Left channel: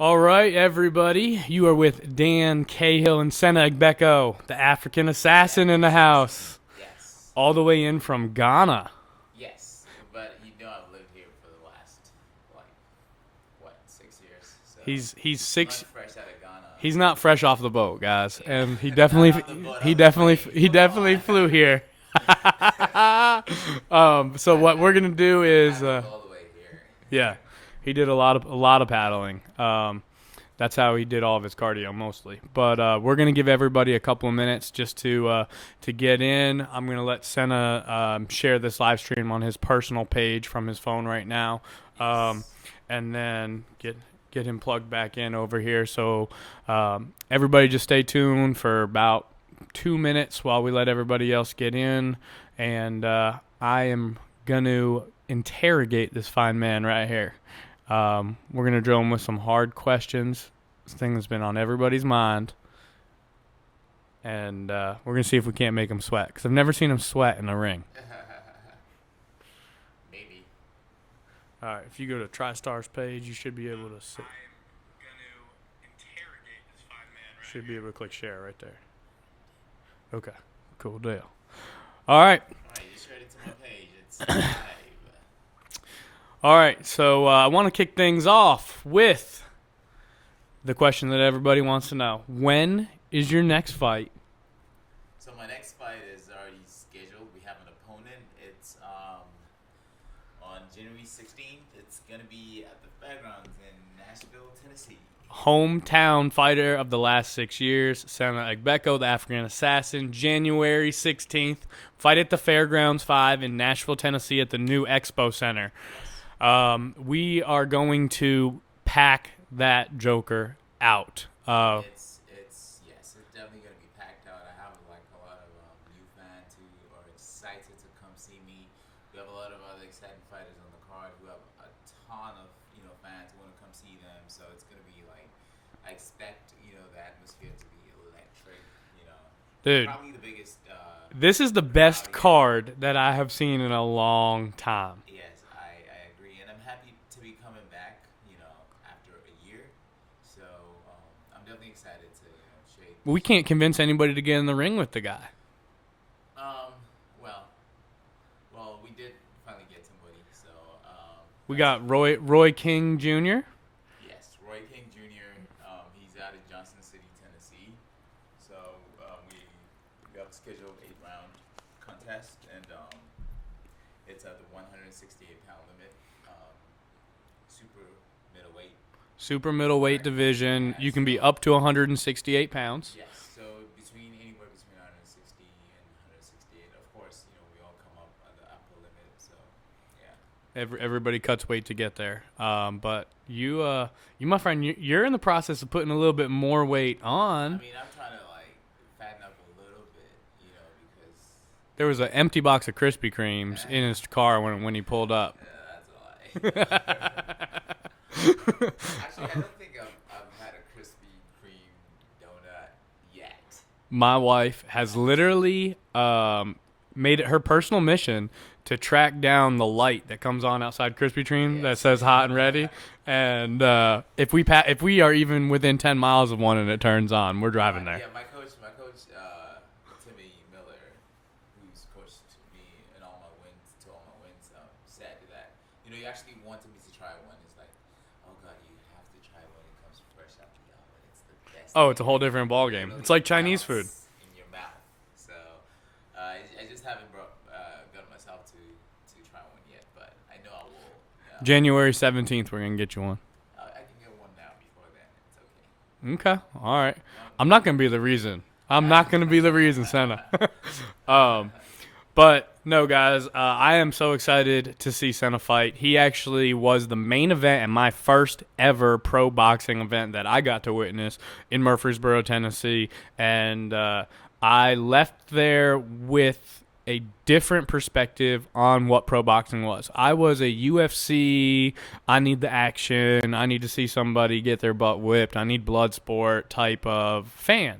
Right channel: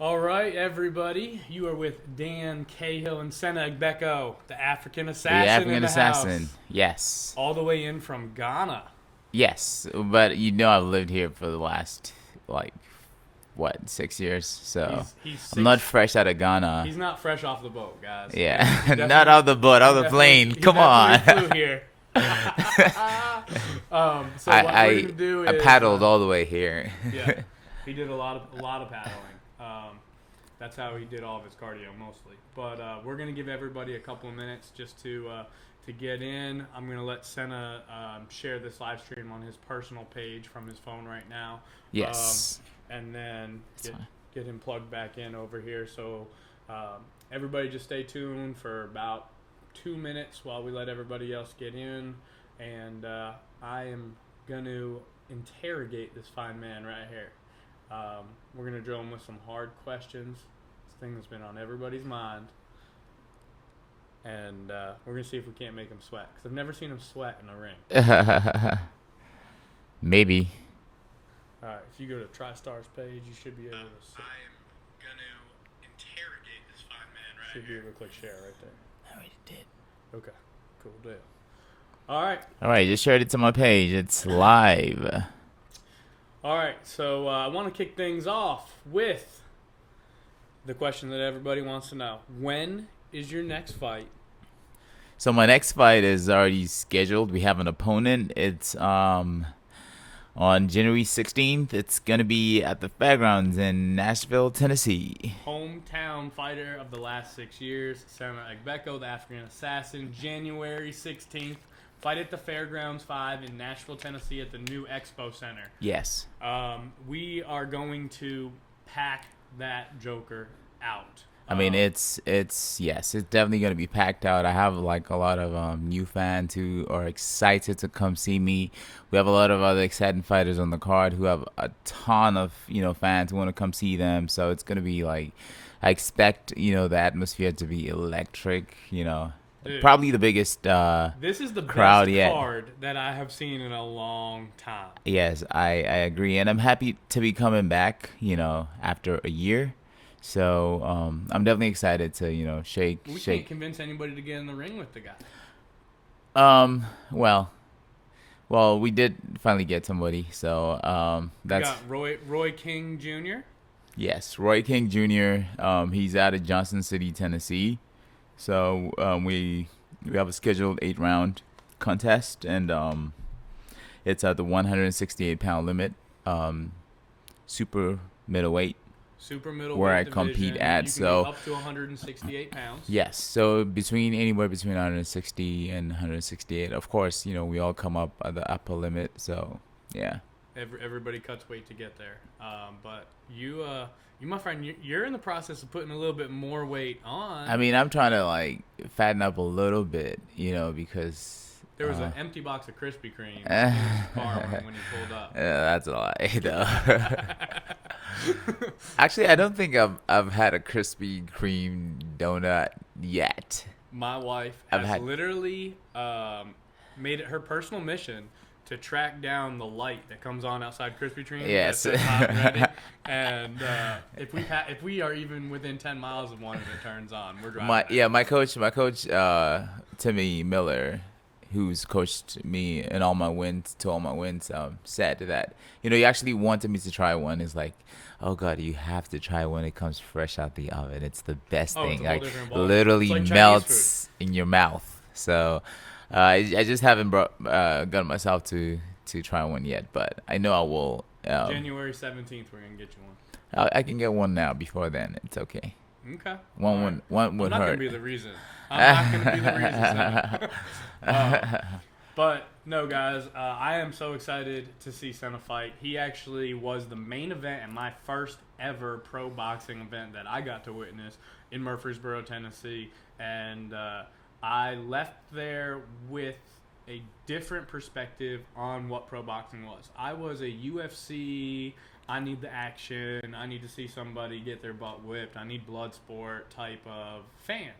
All right, everybody. You are with Dan Cahill and Sena Agbeko, the African The assassin in African the assassin. house, Yes. all the way in from Ghana. Yes. But I've lived here for the last, like, what, 6 years? So He's I'm not six. fresh out of Ghana. He's not fresh off the boat, guys. Yeah. And he Not definitely out the boat, he out the definitely plane. he Come definitely on. flew here. So what we're gonna do I is paddled all the way here. yeah, he did a lot of paddling. That's how he did all of his cardio mostly. But we're gonna give everybody a couple of minutes just to get in. I'm gonna let Senna share this live stream on his personal page from his phone right now, Yes. and then get him plugged back in over here. So everybody just stay tuned for about 2 minutes while we let everybody else get in, and I am gonna interrogate this fine man right here. We're going to drill him with some hard questions. This thing that's been on everybody's mind. And we're going to see if we can't make him sweat. Because I've never seen him sweat in the ring. Maybe. All right, if you go to TriStar's page, you should be able to see. I am going to interrogate this fine man right Should be able to click share right there. I already did. Okay, cool deal. All right. All right, just shared it to my page. It's live. All right, so I want to kick things off with the question that everybody wants to know. When is your next fight? So my next fight is already scheduled. We have an opponent. It's on January 16th. It's going to be at the fairgrounds in Nashville, Tennessee. Hometown fighter of the last 6 years, Sena Agbeko, the African assassin, January 16th. Fight at the Fairgrounds 5 in Nashville, Tennessee at the new Expo Center. Yes. We are going to pack that joker out. I mean, it's definitely going to be packed out. I have like a lot of new fans who are excited to come see me. We have a lot of other exciting fighters on the card who have a ton of, fans who want to come see them. So it's going to be like, I expect, the atmosphere to be electric, Dude, probably the biggest this is the crowd best yet. card that I have seen in a long time. Yes, I agree. And I'm happy to be coming back, after a year. So I'm definitely excited to, shake. We can't convince anybody to get in the ring with the guy. Well, we did finally get somebody. So We that's got Roy King Jr. yes, Roy King Jr. He's out of Johnson City, Tennessee. So we have a scheduled 8-round contest, and it's at the 168-pound limit, super middleweight. Super Where I middleweight compete division. at, You can be so- up to 168 pounds. Yes, so anywhere between 160 and 168. Of course, we all come up at the upper limit. So yeah. Everybody cuts weight to get there. But you, my friend, you're in the process of putting a little bit more weight on. I mean, I'm trying to like fatten up a little bit, because there was an empty box of Krispy Kremes in his car when he pulled up. that's a lie. though. Actually, I don't think I've had a Krispy Kreme donut yet. My wife I've has had- literally made it her personal mission to track down the light that comes on outside Krispy Kreme that Yes. says hot and ready. And if we are even within 10 miles of one and it turns on, we're driving there. My coach, Timmy Miller, who's coached me in all my wins, said that he actually wanted me to try one. Is like, oh God, you have to try when it comes fresh out the oven. It's the best thing. It's a whole different ballgame. Literally It's like Chinese melts in your mouth. So I just haven't gotten myself to try one yet, but I know I will. January 17th, we're going to get you one. I can get one now. Before then, it's okay. Okay. All right. One I'm not going to be the reason. Senna. But no, guys, I am so excited to see Senna fight. He actually was the main event in my first ever pro boxing event that I got to witness in Murfreesboro, Tennessee. And I left there with a different perspective on what pro boxing was. I was a UFC, I need the action, I need to see somebody get their butt whipped, I need blood sport type of fan.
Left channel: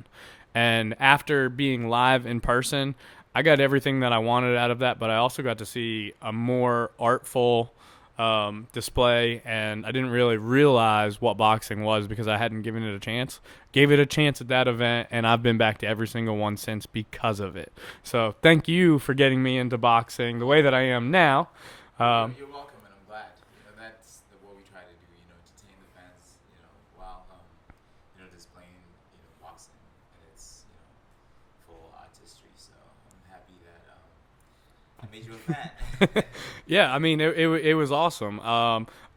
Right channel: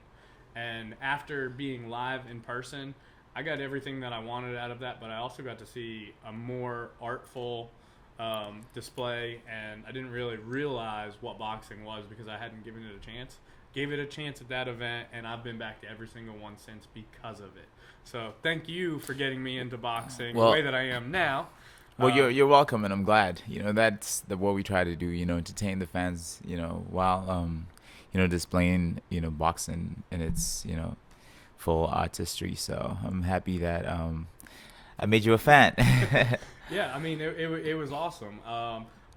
And after being live in person, I got everything that I wanted out of that, but I also got to see a more artful display, and I didn't really realize what boxing was because I hadn't given it a chance. Gave it a chance at that event, and I've been back to every single one since because of it. So thank you for getting me into boxing the way that I am now. Well, you're welcome, and I'm glad. That's what we try to do. Entertain the fans. While displaying boxing in its full artistry. So I'm happy that I made you a fan. Yeah, I mean it was awesome.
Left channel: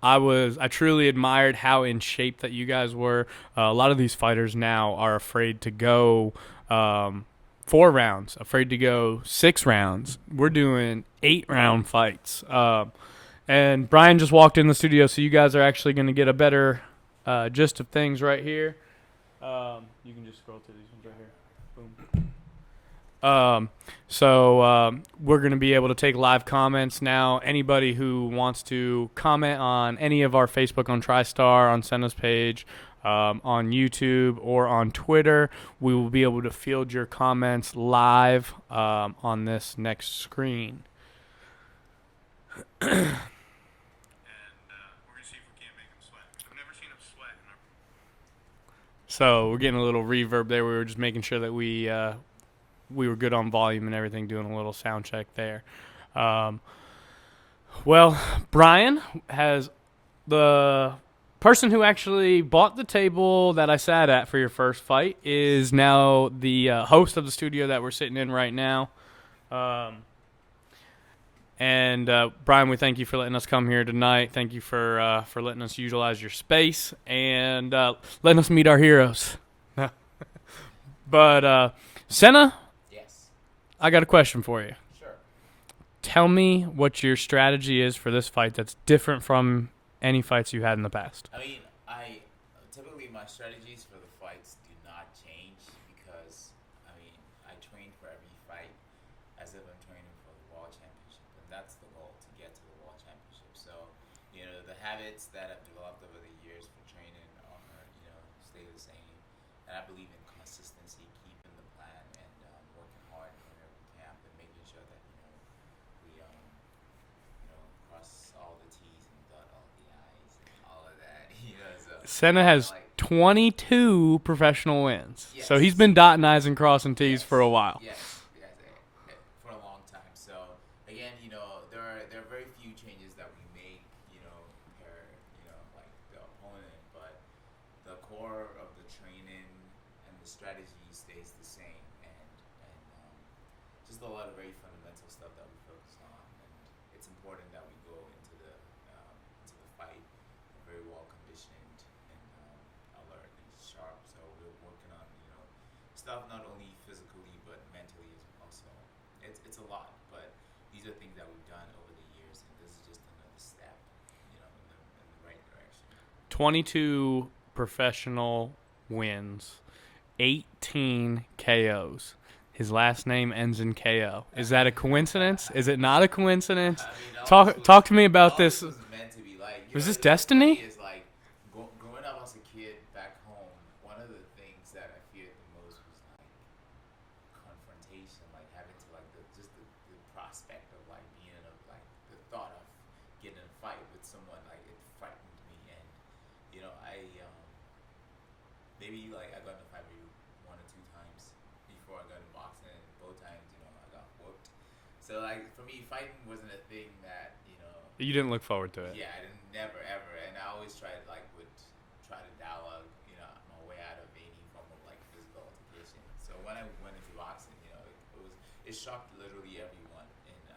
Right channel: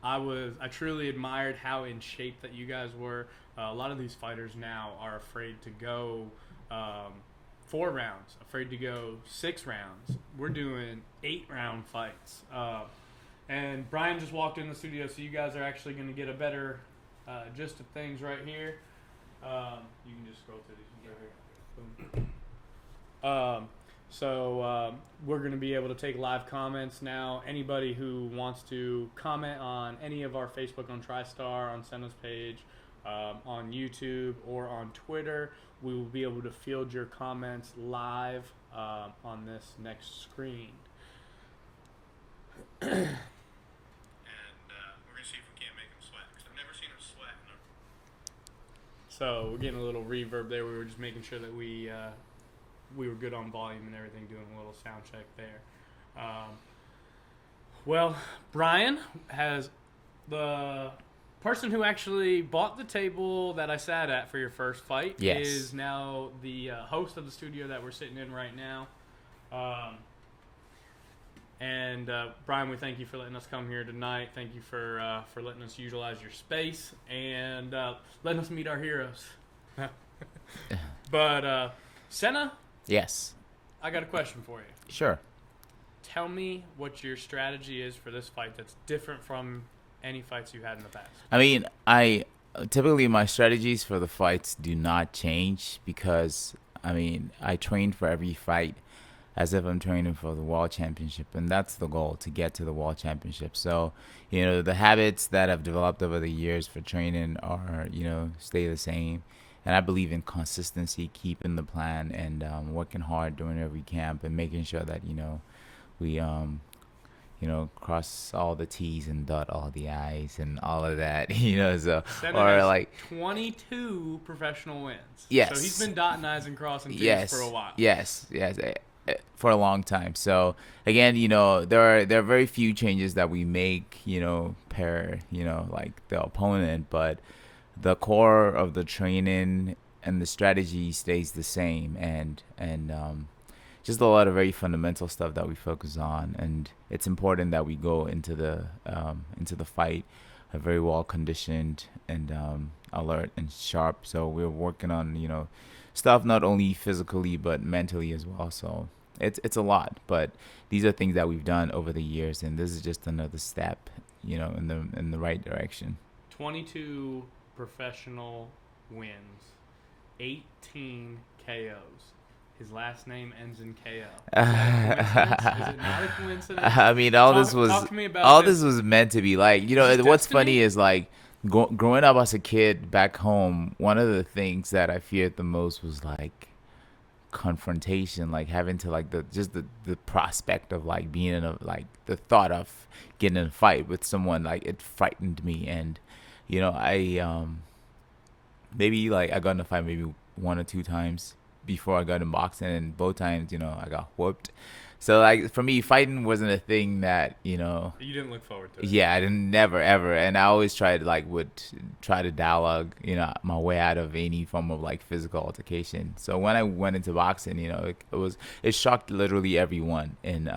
I truly admired how in shape that you guys were. A lot of these fighters now are afraid to go 4 rounds, afraid to go 6 rounds. We're doing 8-round fights. And Brian just walked in the studio, so you guys are actually going to get a better gist of things right here. You can just scroll through these ones right here. Boom. So we're going to be able to take live comments now. Anybody who wants to comment on any of our Facebook on TriStar, on Sena's page, on YouTube, or on Twitter, we will be able to field your comments live on this next screen. And we're going to see if we can't make him sweat. I've never seen him sweat. So we're getting a little reverb there. We were just making sure that we were good on volume and everything, doing a little sound check there. Well, Brian has the person who actually bought the table that I sat at for your first fight is now the host of the studio that we're sitting in right now. And Brian, we thank you for letting us come here tonight. Thank you for letting us utilize your space and letting us meet our heroes. But Sena? Yes. I got a question for you. Sure. Tell me what your strategy is for this fight that's different from any fights you had in the past. I mean, typically my strategies for the fights do not change because, I train for every fight as if I'm training for the World Championship, and that's the goal, to get to the World Championship. So, the habits that I've developed over the years for training are, stay the same. And I believe in consistency, keeping the plan, and working hard during every camp, and making sure that we cross all the T's and dot all the I's and all of that. So Sena has 22 professional wins. Yes. So he's been dotting I's and crossing T's for a while. Yes, for a long time. So again, there are very few changes that we make, per like the opponent, but the core of the training and the strategy stays the same, and just a lot of very fundamental stuff that we focus on. And it's important that we go into the fight very well conditioned and alert and sharp. So we're working on stuff not only physically but mentally as well. So it's a lot, but these are things that we've done over the years, and this is just another step in the right direction. 22 professional wins, 18 KOs. His last name ends in KO. Is that a coincidence? Is it not a coincidence? Talk to me about this. All this was meant to be. Like, what's destiny? Funny is like growing up as a kid back home, one of the things that I feared the most was like confrontation, like having to like the prospect of like being in the thought of getting in a fight with someone, like it frightened me. And I maybe like I got in a fight maybe 1 or 2 times before I got in boxing, and both times I got whooped. So like for me, fighting wasn't a thing that you didn't look forward to it. Yeah, I didn't, never ever. And I always would try to dialogue my way out of any form of like physical altercation. So when I went into boxing, it shocked literally everyone in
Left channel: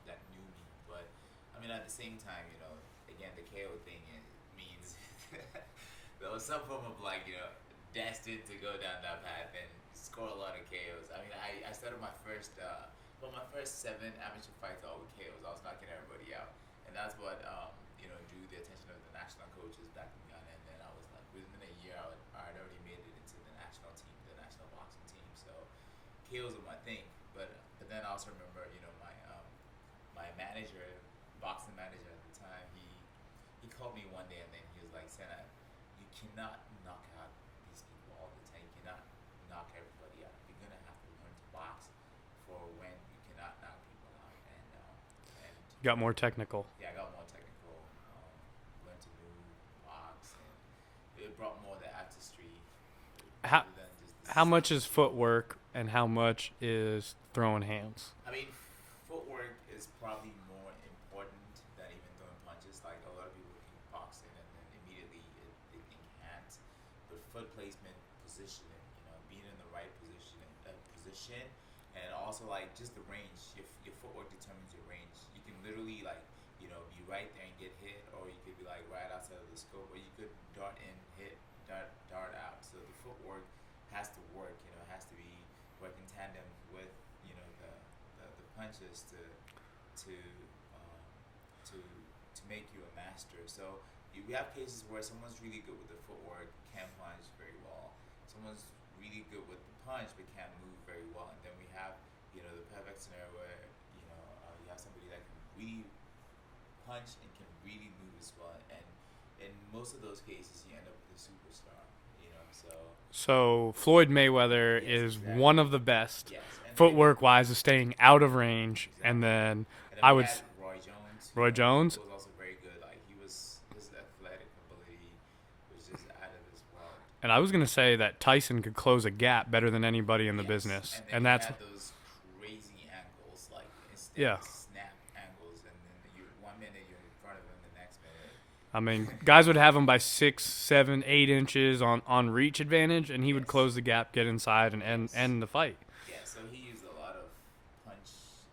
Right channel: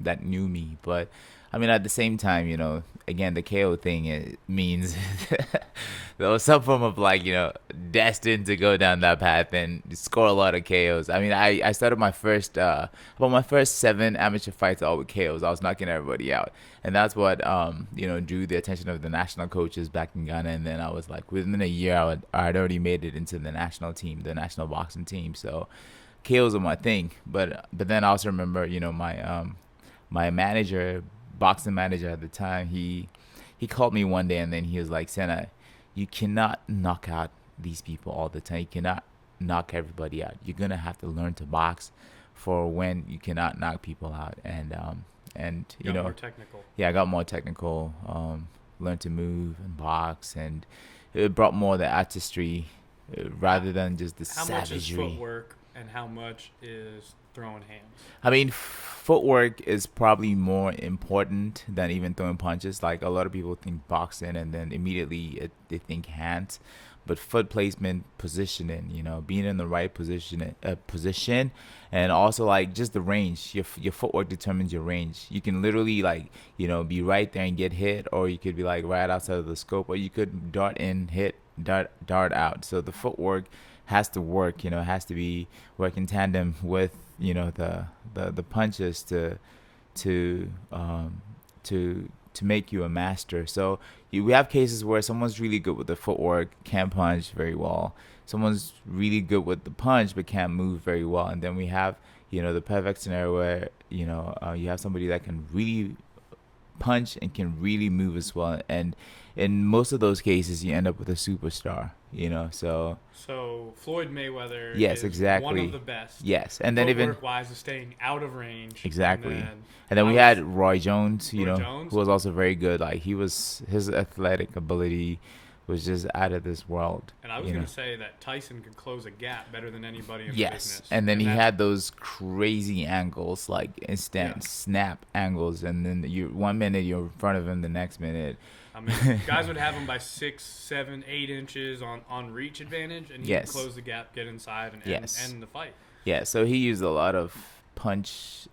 that knew me. But at the same time, again, the KO thing, it means there was some form of like, destined to go down that path and score a lot of KOs. I started my first 7 amateur fights all with KOs. I was knocking everybody out. And that's what, drew the attention of the national coaches back in Ghana. And then I was like, within a year, I'd already made it into the national team, the national boxing team. So KOs are my thing. But then I also remember, my manager, boxing manager at the time, he called me one day, and then he was like, Sena, you cannot knock out these people all the time. You cannot knock everybody out. You're gonna have to learn to box for when you cannot knock people out. And and Got more technical. yeah, I got more technical. Learned to move and box, and it brought more the artistry rather than just the How much is savagery. footwork and how much is throwing hands? I mean, footwork is probably more important than even throwing punches. Like a lot of people think boxing, and then immediately they think hands, but foot placement, positioning, being in the right position, and also like just the range. Your footwork determines your range. You can literally like be right there and get hit, or you could be like right outside of the scope, or you could dart in, hit, dart out. So the footwork has to work. It has to be work in tandem with the punches to um, to make you a master. So we have cases where someone's really good with the footwork, can't punch very well. Someone's really good with the punch but can't move very well. And then we have the perfect scenario where you have somebody that can really punch and can really move as well. And in most of those cases, you end up with a superstar. So Floyd Mayweather yes, is exactly one of the best. Yes, and then Footwork wise is staying out of range. exactly, And and then we had Roy Jones, who was also very good. Like his athletic ability was just out of this world. And I was going to say that Tyson could close a gap better than anybody in the business. And then he had those crazy angles, like instant snap angles, and then 1 minute you're in front of him, the next minute. I mean, guys would have him by 6, 7, 8 inches on reach advantage, and he would close the gap, get inside, and end the fight. Yeah, so he used a lot of punch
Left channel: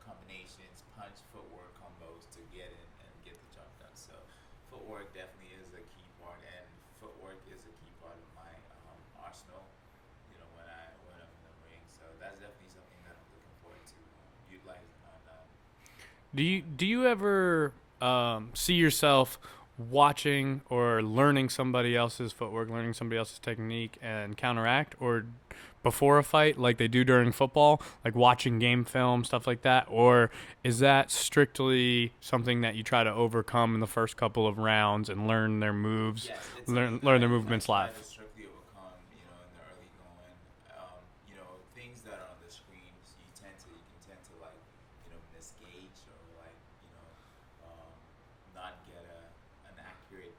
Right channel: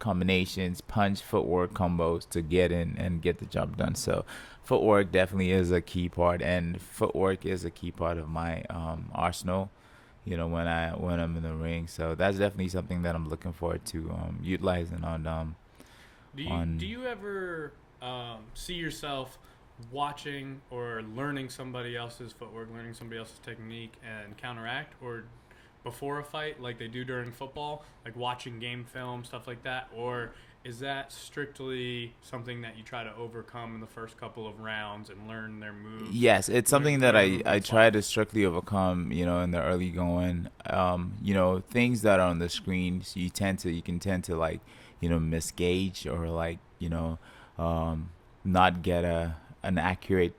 combinations, punch footwork combos to get in and get the job done. So footwork definitely is a key part, and footwork is a key part of my arsenal. When I'm in the ring, so that's definitely something that I'm looking forward to utilizing on. Do you ever see yourself watching or learning somebody else's footwork, learning somebody else's technique, and counteract, or before a fight like they do during football, like watching game film, stuff like that? Or is that strictly something that you try to overcome in the first couple of rounds and learn their moves? Yes, it's something that I try to strictly overcome, in the early going. Things that are on the screen, so you can tend to like, misgauge or like, not get an accurate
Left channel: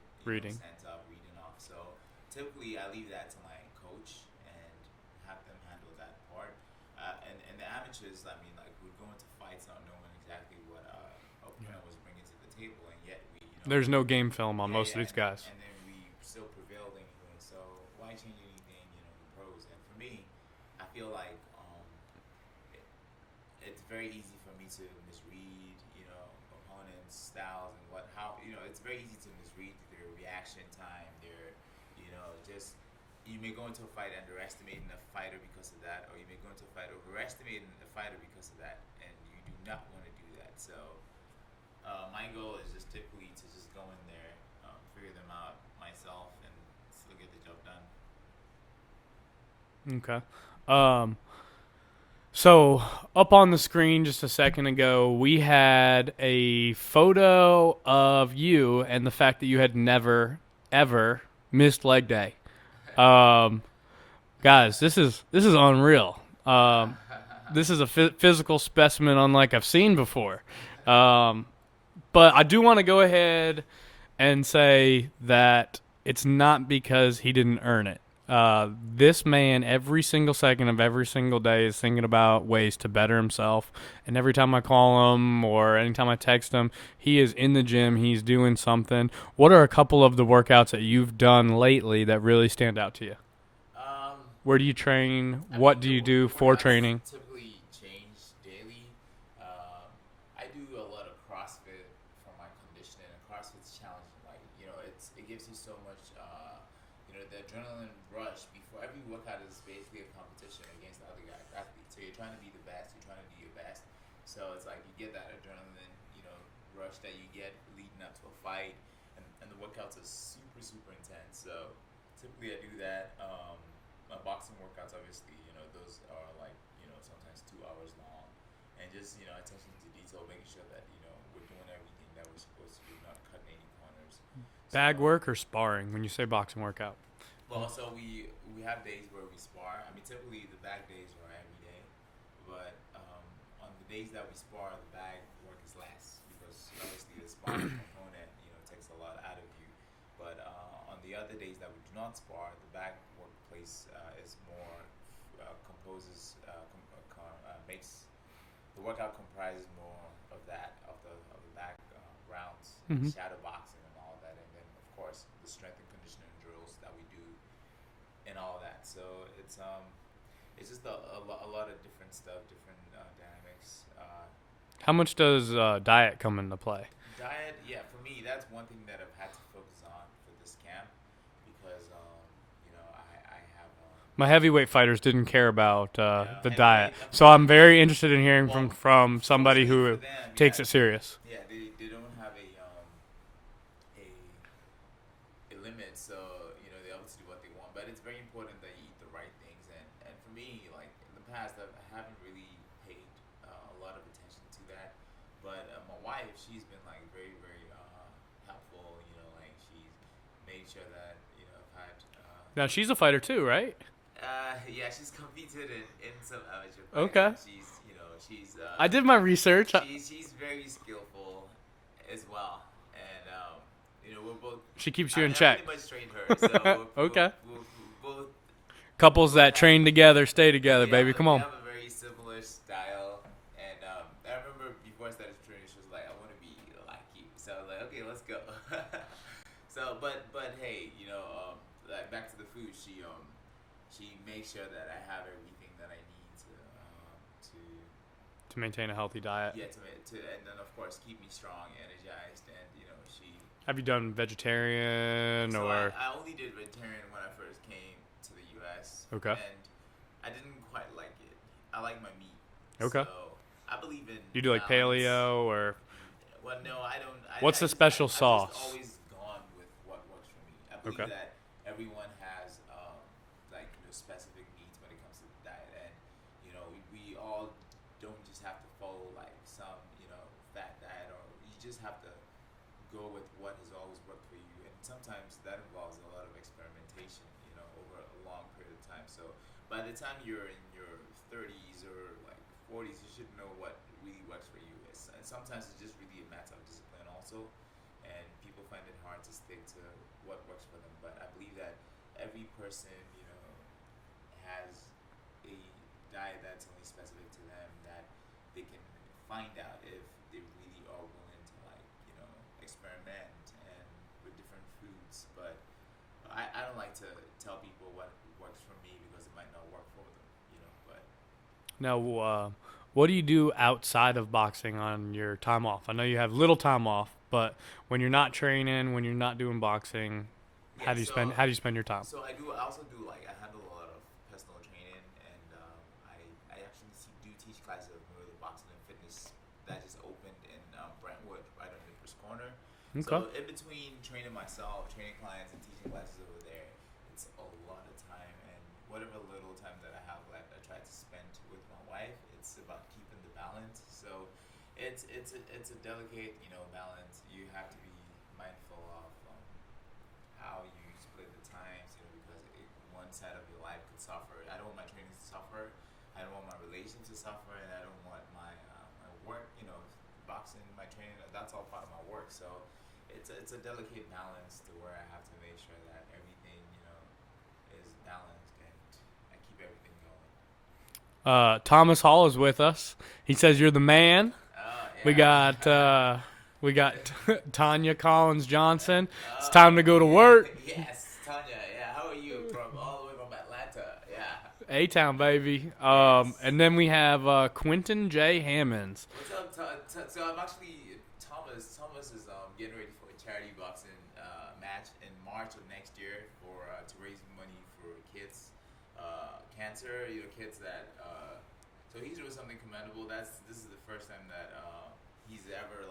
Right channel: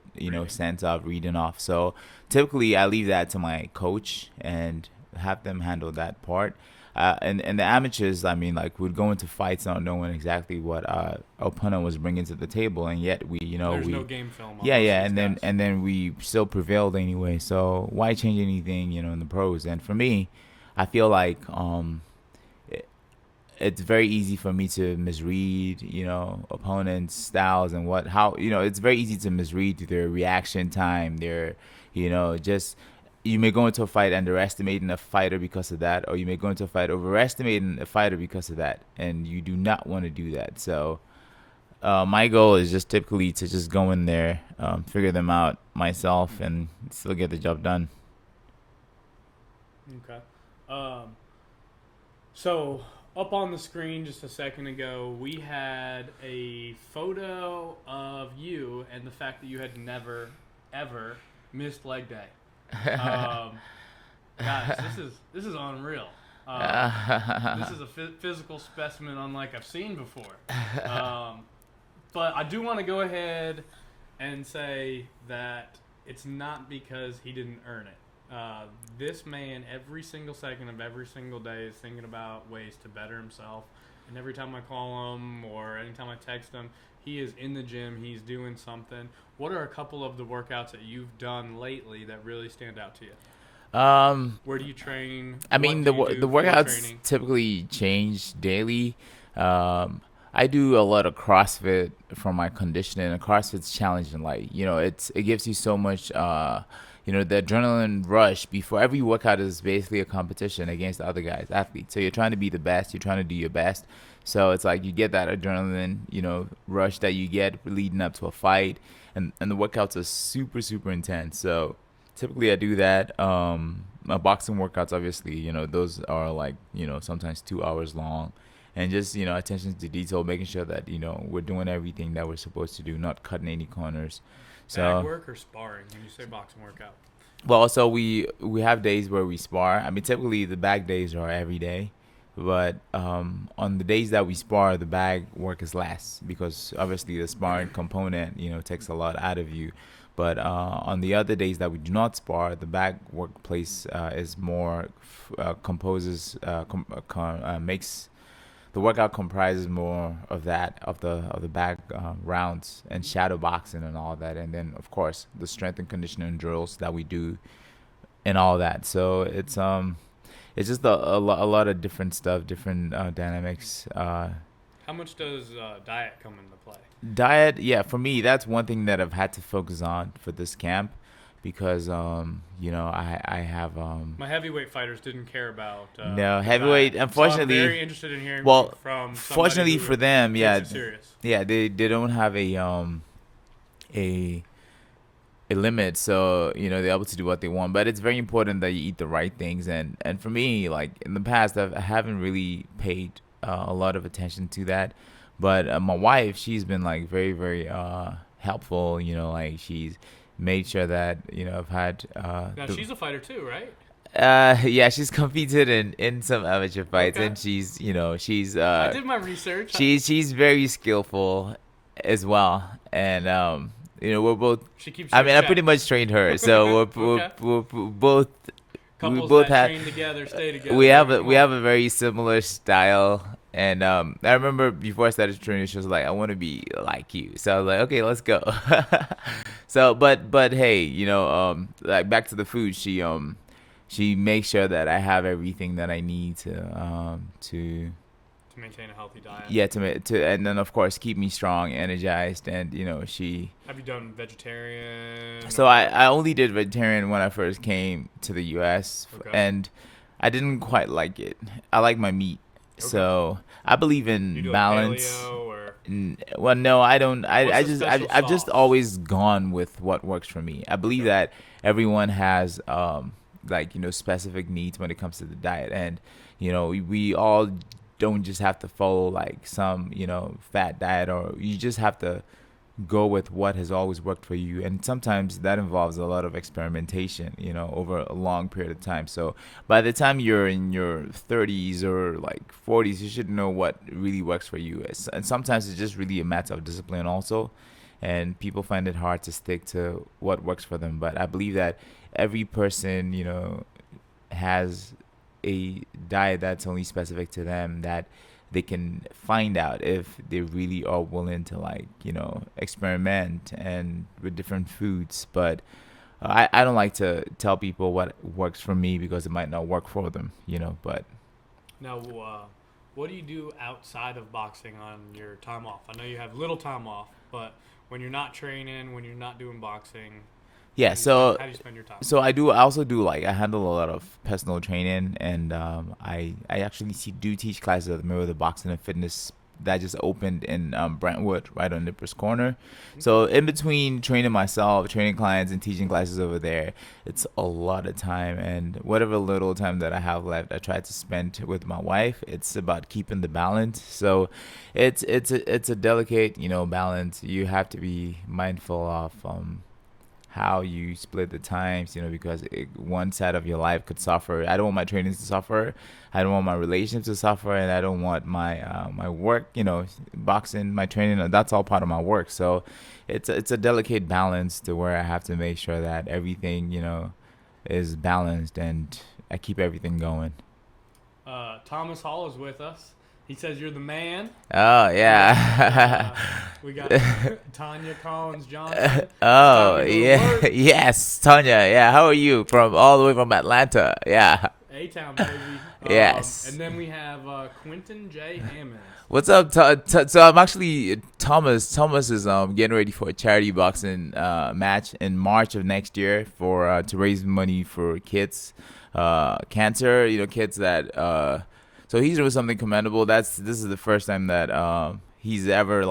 sense of reading off. So typically I leave that to my coach and have them handle that part. And the amateurs, I mean, like, would go into fights not knowing exactly what our opponent was bringing to the table, and yet there's no game film on and then we still prevailed anyway. So why change anything in the pros? And for me, I feel like it's very easy for me to misread, opponents' styles and it's very easy to misread their reaction time, their, you may go into a fight underestimating a fighter because of that, or you may go into a fight overestimating a fighter because of that, and you do not want to do that. So my goal is just typically to just go in there, figure them out myself, and still get the job done. Okay. So up on the screen just a second ago, we had a photo of you and the fact that you had never, ever missed leg day. Guys, this is unreal. This is a physical specimen unlike I've seen before. But I do want to go ahead and say that it's not because he didn't earn it. This man, every single second of every single day, is thinking about ways to better himself. And every time I call him or anytime I text him, he is in the gym. He's doing something. What are a couple of the workouts that you've done lately that really stand out to you? Where do you train? What do you do the for workouts training? Typically change daily. I do a lot of CrossFit for my conditioning, and CrossFit's challenging. Like, it gives you so much. The adrenaline rush before every workout is basically a competition against the other guys, athletes. So you're trying to be the best. You're trying to do your best. So it's like you get that adrenaline, rush that you get leading up to a fight. And the workouts are super, super intense. So typically I do that. My boxing workouts, obviously, those are like, sometimes 2 hours long. And just, attention to detail, making sure that, we're doing everything that we're supposed to do, not cutting any corners. Bag work or sparring when you say boxing workout? Well, so we have days where we spar. I mean, typically the bag days are every day. But on the days that we spar, the bag work is less because obviously the sparring component, takes a lot out of you. But on the other days that we do not spar, the bag workplace is more makes the workout comprises more of that of the bag rounds and Mhm. shadow boxing and all that, and then of course the strength and conditioning drills that we do and all that. So it's just a lot of different stuff, different dynamics. How much does diet come into play? Diet, yeah, for me, that's one thing that I've had to focus on for this camp because, I have, My heavyweight fighters didn't care about no, the heavyweight, diet, so I'm unfortunately, very interested in hearing well, from somebody fortunately who for them, takes it serious. yeah, they don't have a a limit, so they're able to do what they want, but it's very important that you eat the right things. And for me, like in the past, I haven't really paid a lot of attention to that, but my wife, she's been like very very helpful, like she's made sure that I've had Now she's a fighter too, right? yeah, she's competed in some amateur fights, Okay. and she's I did my research. she's very skillful as well, and we're both. She keeps you I in mean, I check. pretty much trained her, so Okay. we're both. Couples both that have, train together stay together. we have baby. Come we on. have a very similar style, and I remember before I started training, she was like, "I want to be like you," so I was like, "Okay, let's go." So, but hey, like back to the food, she makes sure that I have everything that I need to To maintain a healthy diet. yeah to and then of course keep me strong, energized, and she. Have you done vegetarian? So or... I only did vegetarian when I first came to the U.S. Okay. and I didn't quite like it. I like my meat, Okay. so I believe in You do balance. like paleo or Well, no, I don't. What's I the just special I've just sauce? always gone with what works for me. I believe Okay. that everyone has like specific needs when it comes to the diet, and we all don't just have to follow like some fat diet, or you just have to go with what has always worked for you, and sometimes that involves a lot of experimentation over a long period of time. So by the time you're in your 30s or like 40s, you should know what really works for you. And sometimes it's just really a matter of discipline also, and people find it hard to stick to what works for them. But I believe that every person has a diet that's only specific to them, that they can find out if they really are willing to like experiment and with different foods. But I don't like to tell people what works for me because it might not work for them, but now, what do you do outside of boxing on your time off? I know you have little time off, but when you're not training, when you're not doing boxing, yeah. how do you spend your time? So I also do like I handle a lot of personal training, and I actually do teach classes at the Mirror of the Boxing and Fitness that just opened in Brentwood, right on Nippers Corner. Okay. So in between training myself, training clients, and teaching classes over there, it's a lot of time, and whatever little time that I have left, I try to spend with my wife. It's about keeping the balance. So it's a delicate balance. You have to be mindful of how you split the times, because one side of your life could suffer. I don't want my trainings to suffer. I don't want my relationship to suffer, and I don't want my my work, boxing, my training. That's all part of my work. So it's a delicate balance to where I have to make sure that everything, is balanced and I keep everything going. Thomas Hall is with us. He says you're the man. Oh yeah. We got Tanya Collins Johnson. Oh, It's time to go to work. Yes, Tanya. Yeah, how are you? From all the way from Atlanta. Yeah. A-Town, baby. Yes. And then we have Quentin J. Hammonds. What's up? So I'm actually Thomas. Thomas is getting ready for a charity boxing match in March of next year for to raise money for kids, cancer. Kids that. So he's doing something commendable. This is the first time that he's ever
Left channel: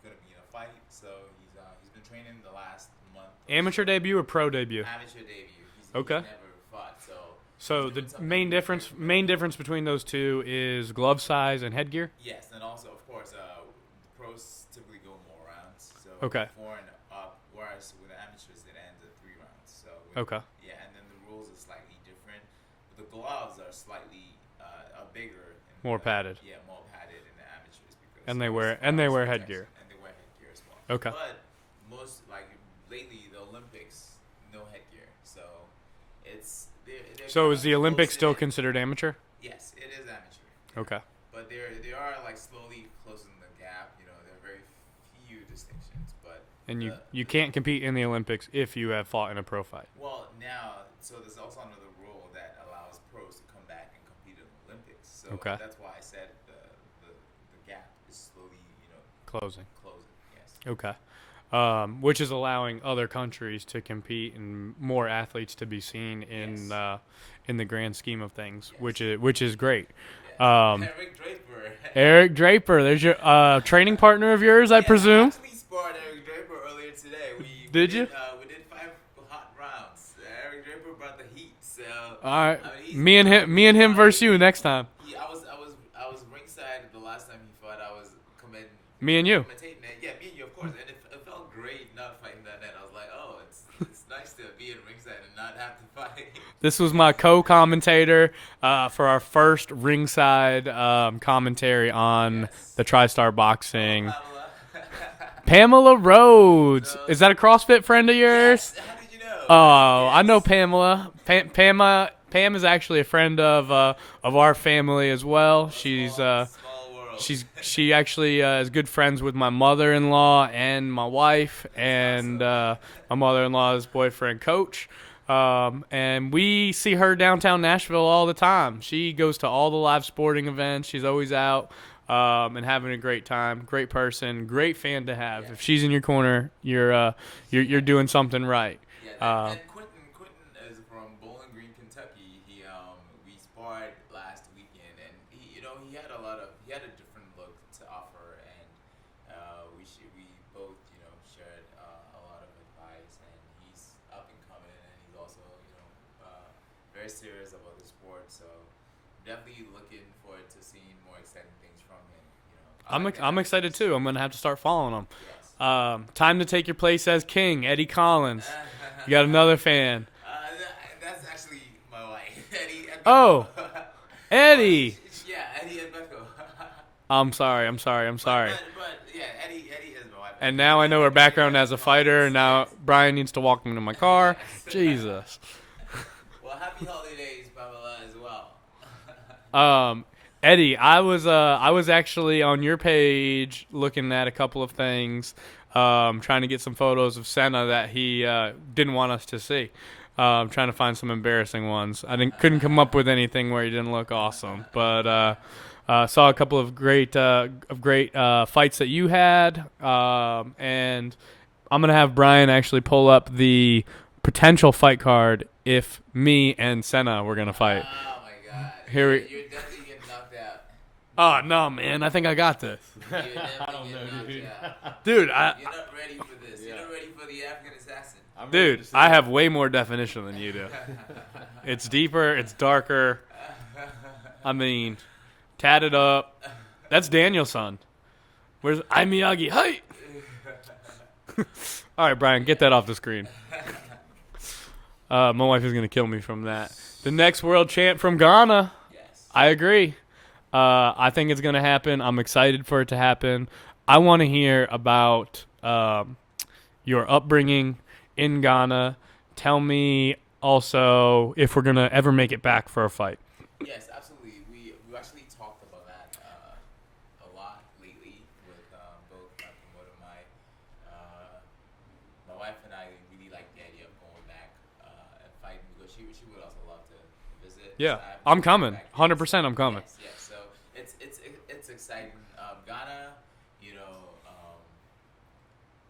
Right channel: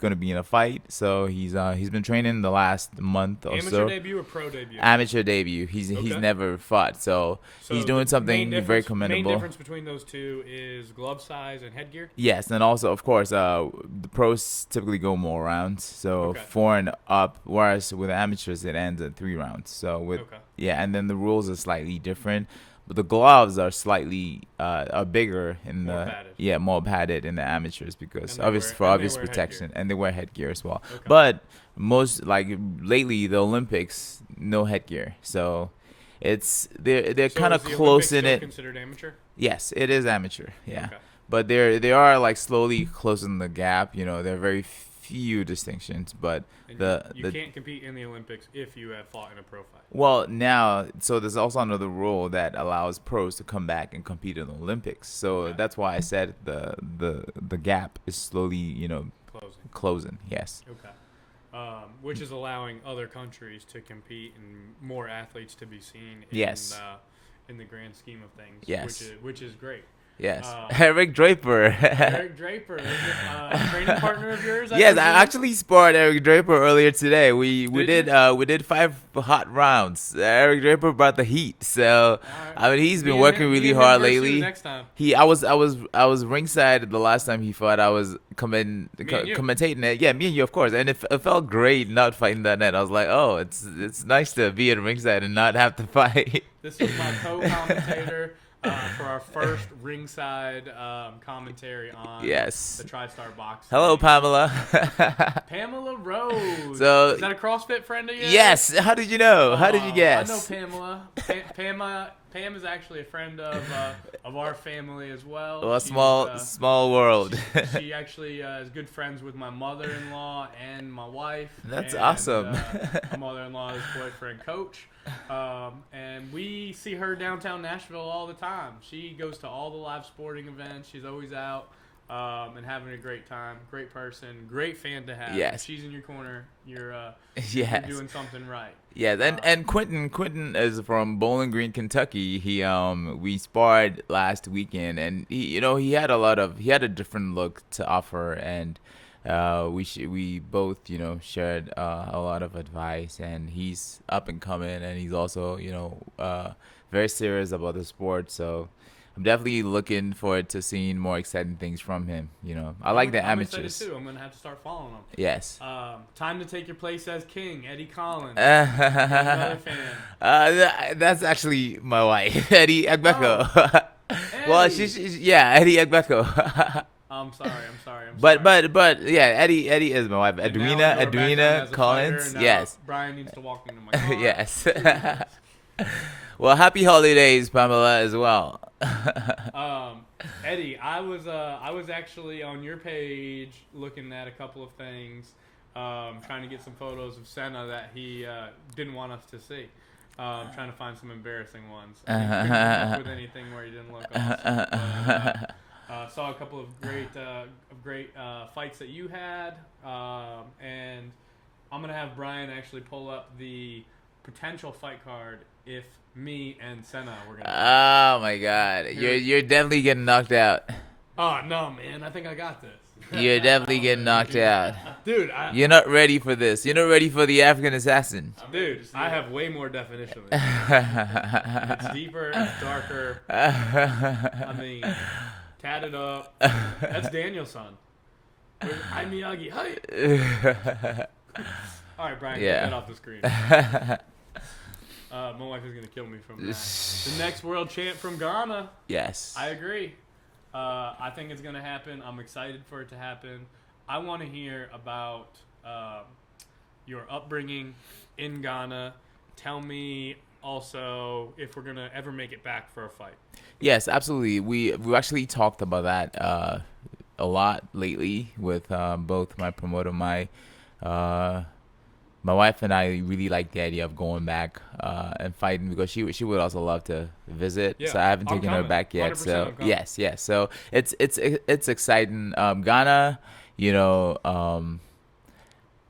gonna be in a fight. So he's been training the last month or Amateur so. debut or pro debut? Amateur debut. He's Okay. never fought, so he's doing the something very commendable. Main difference between those two is glove size and headgear. Yes, and also of course, the pros typically go more rounds, so Okay. 4 and up. Whereas with amateurs, it ends at 3 rounds. So Okay. yeah, and then the rules are slightly different. but the gloves are slightly are bigger in More the padded. yeah, more padded in the amateurs because And they obvious wear- for and they obvious wear protection, headgear. and they wear headgear as well. Okay. But most like lately the Olympics, no headgear, so they're So kind is of the close Olympics in still it. considered amateur? Yes, it is amateur. Yeah. Okay. But they are like slowly closing the gap. You know, there are very few distinctions, but And the you the can't compete in the Olympics if you have fought in a pro fight. well now, so there's also another rule that allows pros to come back and compete in the Olympics. So Okay. that's why I said the gap is slowly, you know, Closing. closing. Yes. Okay. Which is allowing other countries to compete and more athletes to be seen Yes. in the grand scheme of things. Yes. Which is great. Yes. Um, Eric Draper. Eric Draper, there's your training partner of yours, I Yes, presume. I actually sparred Eric Draper earlier today. We Did you? we did 5 hot rounds. Eric Draper brought the heat. So All right. I mean, he's me been and working him, really me and hard him versus lately. you next time. I was ringside the last time he fought. I was Me and you. commentating it. Yeah, me and you, of course. And it felt great not fighting that night. I was like, oh, it's nice to be at ringside and not have to fight. This was my co-commentator for our first ringside commentary on Yes. the TriStar Boxing. Hello, Pamela. Pamela Rhodes. So- Is that a CrossFit friend of yours? Yes. How did you know? How did you guess? I know Pamela. Pam is actually a friend of our family as well. Well, She's small world. she actually is good friends with my mother-in-law and my wife. That's and, awesome. my mother-in-law's boyfriend, Coach. And we see her downtown Nashville all the time. She goes to all the live sporting events. She's always out and having a great time. Great person. Great fan to have. Yes. If she's in your corner, you're Yes. doing something right. Yeah, and Quentin is from Bowling Green, Kentucky. He we sparred last weekend, and he had a different look to offer, and we both shared a lot of advice, and he's up and coming, and he's also very serious about the sport, so. I'm definitely looking forward to seeing more exciting things from him. I'm excited too. I'm gonna have to start following him. Yes. Time to take your place as king, Eddie Collins. You got another fan. That's actually my wife, Eddie Agbeko. Oh, Eddie. Well, Eddie Agbeko. I'm sorry. But yeah, Eddie is my wife. And now I know her background as a fighter, and now Yes. Brian needs to walk into my car. Yes. Jesus. Well, happy holidays, Pamela, as well. Eddie, I was actually on your page looking at a couple of things, trying to get some photos of Sena that he didn't want us to see. Trying to find some embarrassing ones. I couldn't come up with anything where he didn't look awesome, but saw a couple of great fights that you had, and I'm gonna have Brian actually pull up the potential fight card if me and Sena were gonna fight. Oh my God, Here you're definitely getting knocked out. Oh no, man! I think I got this, You're definitely getting knocked out. dude. You're not ready for this. You're not ready for the African assassin. Dude, I have way more definition than you do. It's deeper. It's darker. I mean, tatted up. That's Daniel's son. Where's I'm Miyagi? Hi. All right, Brian, Yeah. get that off the screen. My wife is gonna kill me from that. The next world champ from Ghana. Yes. I agree. I think it's gonna happen. I'm excited for it to happen. I want to hear about your upbringing in Ghana. Tell me also if we're gonna ever make it back for a fight. Yes, absolutely. We've actually talked about that a lot lately with both my promoter, my wife, and I really like the idea of going back and fighting because she would also love to visit. Yeah, so I haven't I'm taken her coming. back yet. 100% so, I'm coming. Yes. So it's exciting. Ghana,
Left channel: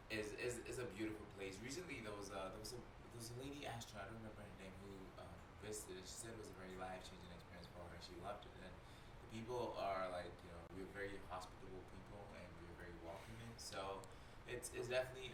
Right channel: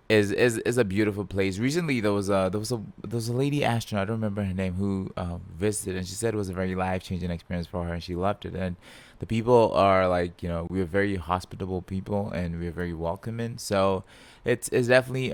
is a beautiful place. Recently there was a lady astronaut, I don't remember her name, who visited, and she said it was a very life-changing experience for her, and she loved it. And the people are like, we're very hospitable people, and we're very welcoming. So it's definitely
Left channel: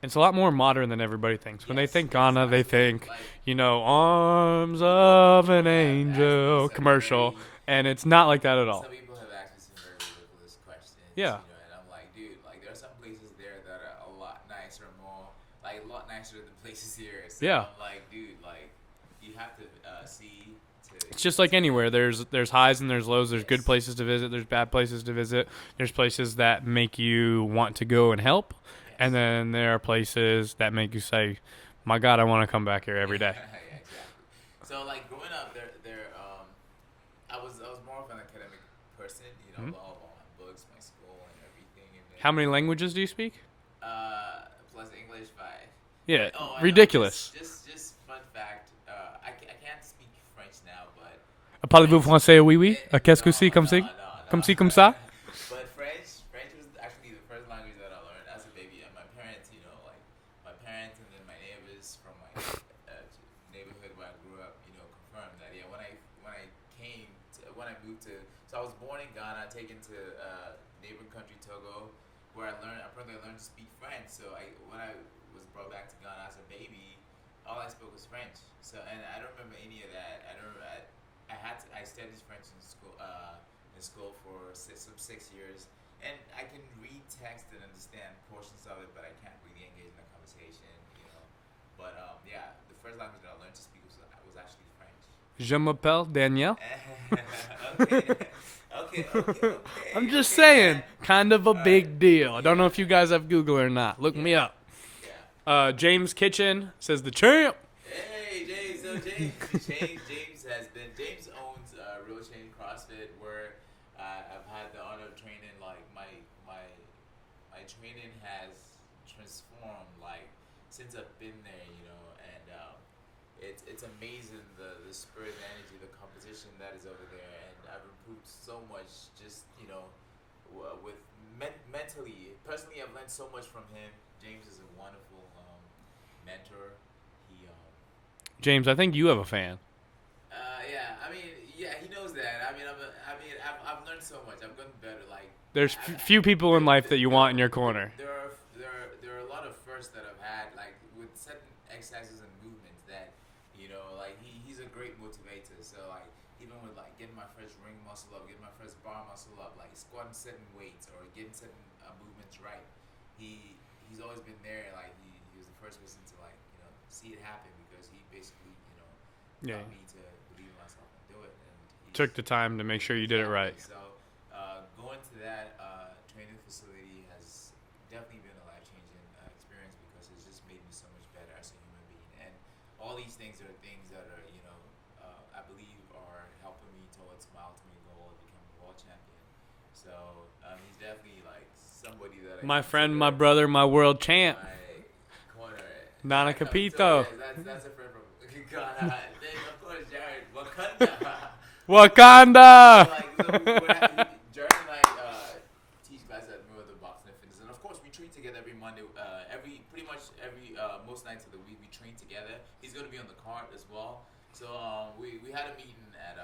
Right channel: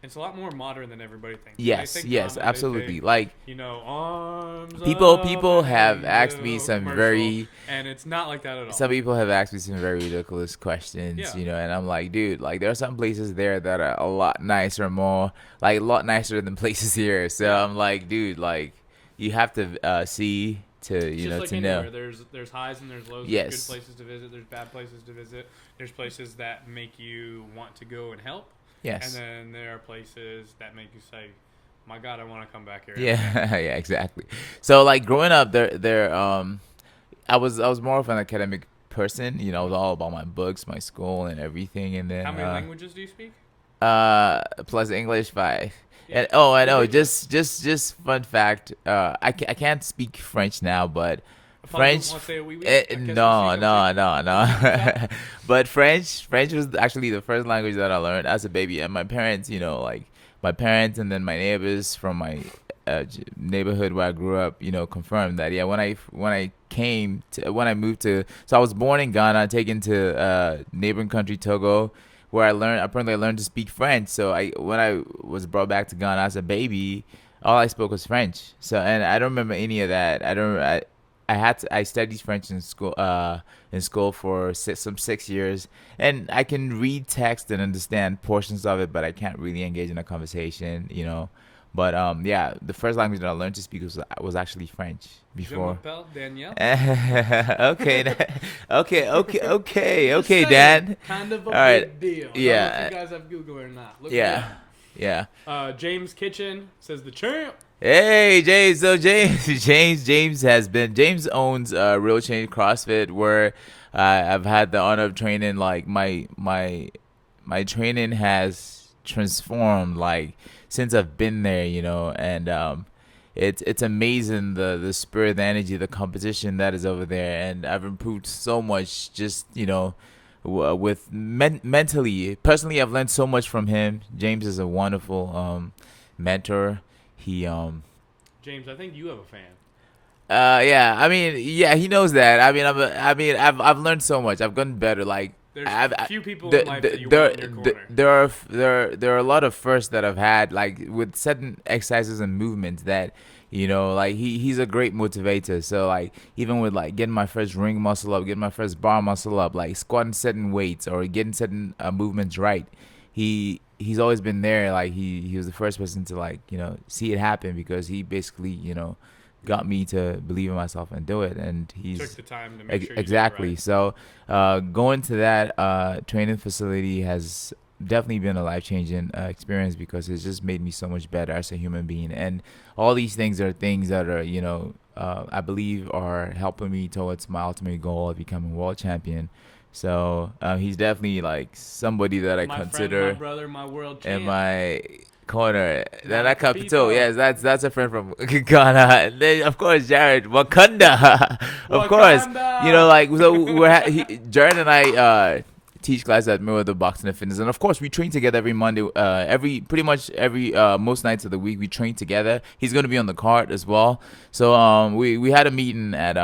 It's a lot more modern than everybody thinks. When they think Ghana, absolutely. they think Like arms people of an have asked me angel some commercial, very and it's not like that at all. some people have asked me some very ridiculous questions, Yeah. and I'm like, dude, like there are some places there that are a lot nicer than places here. So Yeah. I'm like, dude, like you have to see to It's just like anywhere. know. There's highs and there's lows. There's good Yes. places to visit. There's bad places to visit. There's places that make you want to go and help, and Yes. then there are places that make you say, "My God, I want to come back here every day." Yeah, yeah, exactly. So like growing up, I was more of an academic person. You know, it was all about my books, my school, and everything. And then How many languages do you speak? plus English 5. Yeah, And, oh, I know. ridiculous. Just fun fact. I can't speak French now, but Parlez-vous French. français? Oui, oui. Qu'est-ce que c'est No, comme no, ça? no, Comme ci, comme no. ça? But French was actually the first language that I learned as a baby, and my parents, like my parents and then my neighbors from my neighborhood where I grew up, confirmed that. Yeah, when I moved to, so I was born in Ghana, taken to neighboring country Togo, where I learned to speak French. So when I was brought back to Ghana as a baby, all I spoke was French. So, and I don't remember any of that. I studied French in school for 6 years, and I can read text and understand portions of it, but I can't really engage in a conversation. But yeah, the first language that I learned to speak was actually French. Je Before. m'appelle Danielle. Okay, I'm just okay, saying, Dan. kind of a All big right. deal. I don't know Yeah. if you guys have Google or not. Look me Yeah, up. yeah. James Kitchen says the champ. Hey James, so James, James owns Real Change CrossFit, where I've had the honor of training. Like my training has transformed like since I've been there, and it's amazing the spirit, the energy, the competition that is over there, and I've improved so much. Just with mentally, personally, I've learned so much from him. James is a wonderful mentor. He James, I think you have a fan. yeah, I mean, yeah, he knows that. I've learned so much. I've gotten better. Like There's I've, few people in life that you want in your corner. there are a lot of firsts that I've had, like with certain exercises and movements that like he's a great motivator. So like even with like getting my first ring muscle up, getting my first bar muscle up, like squatting certain weights or getting certain movements right, he's always been there. Like he was the first person to like see it happen, because he basically got me to believe in myself and do it. And he's Took the time to make sure you exactly. did it right. So going to that training facility has definitely been a life-changing experience, because it's just made me so much better as a human being. And all these things are things that are I believe are helping me towards my ultimate goal of becoming world champion. So he's definitely like somebody that I My consider friend, my brother, my world in champ. my corner. Nana Nana Capito. Capito. Yes, that's a friend from Ghana. And then, of course, Jared Wakanda. Of course. Wakanda! Like so Jared and I teach classes at Mirror the Boxing and Fitness, and of course we train together every Monday. Pretty much every most nights of the week we train together. He's gonna be on the card as well. So we had a meeting at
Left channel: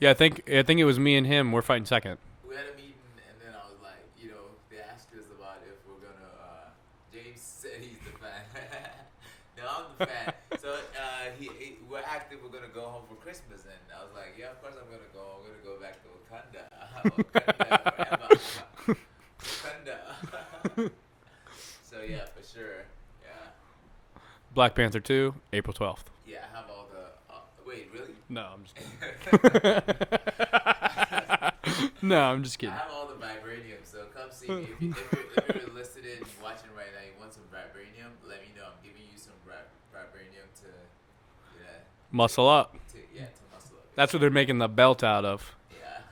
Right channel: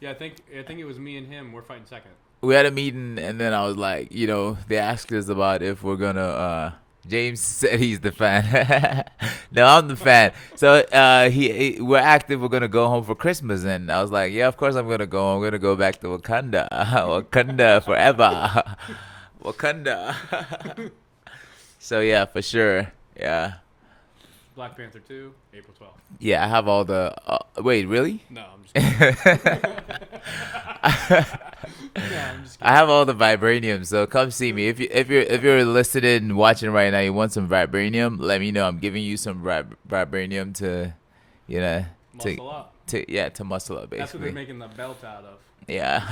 Yeah, I think it was me and him. We're fighting second. we had a meeting, and then I was like, they asked us about if we're gonna. James said he's the fan. No, I'm the fan. So we're active. We're gonna go home for Christmas, and I was like, yeah, of course I'm gonna go. I'm gonna go back to Wakanda, Wakanda forever, Wakanda. So yeah, for sure. Yeah. Black Panther 2, April 12th. Yeah, I have all the. Wait, really? No, I'm just kidding. No, I'm just I kidding. have all the vibranium, so come see me. If you're listening and watching right now, you want some vibranium, let me know. I'm giving you some vibranium to, Muscle up. to muscle up. Basically. That's what they're making the belt out of. Yeah.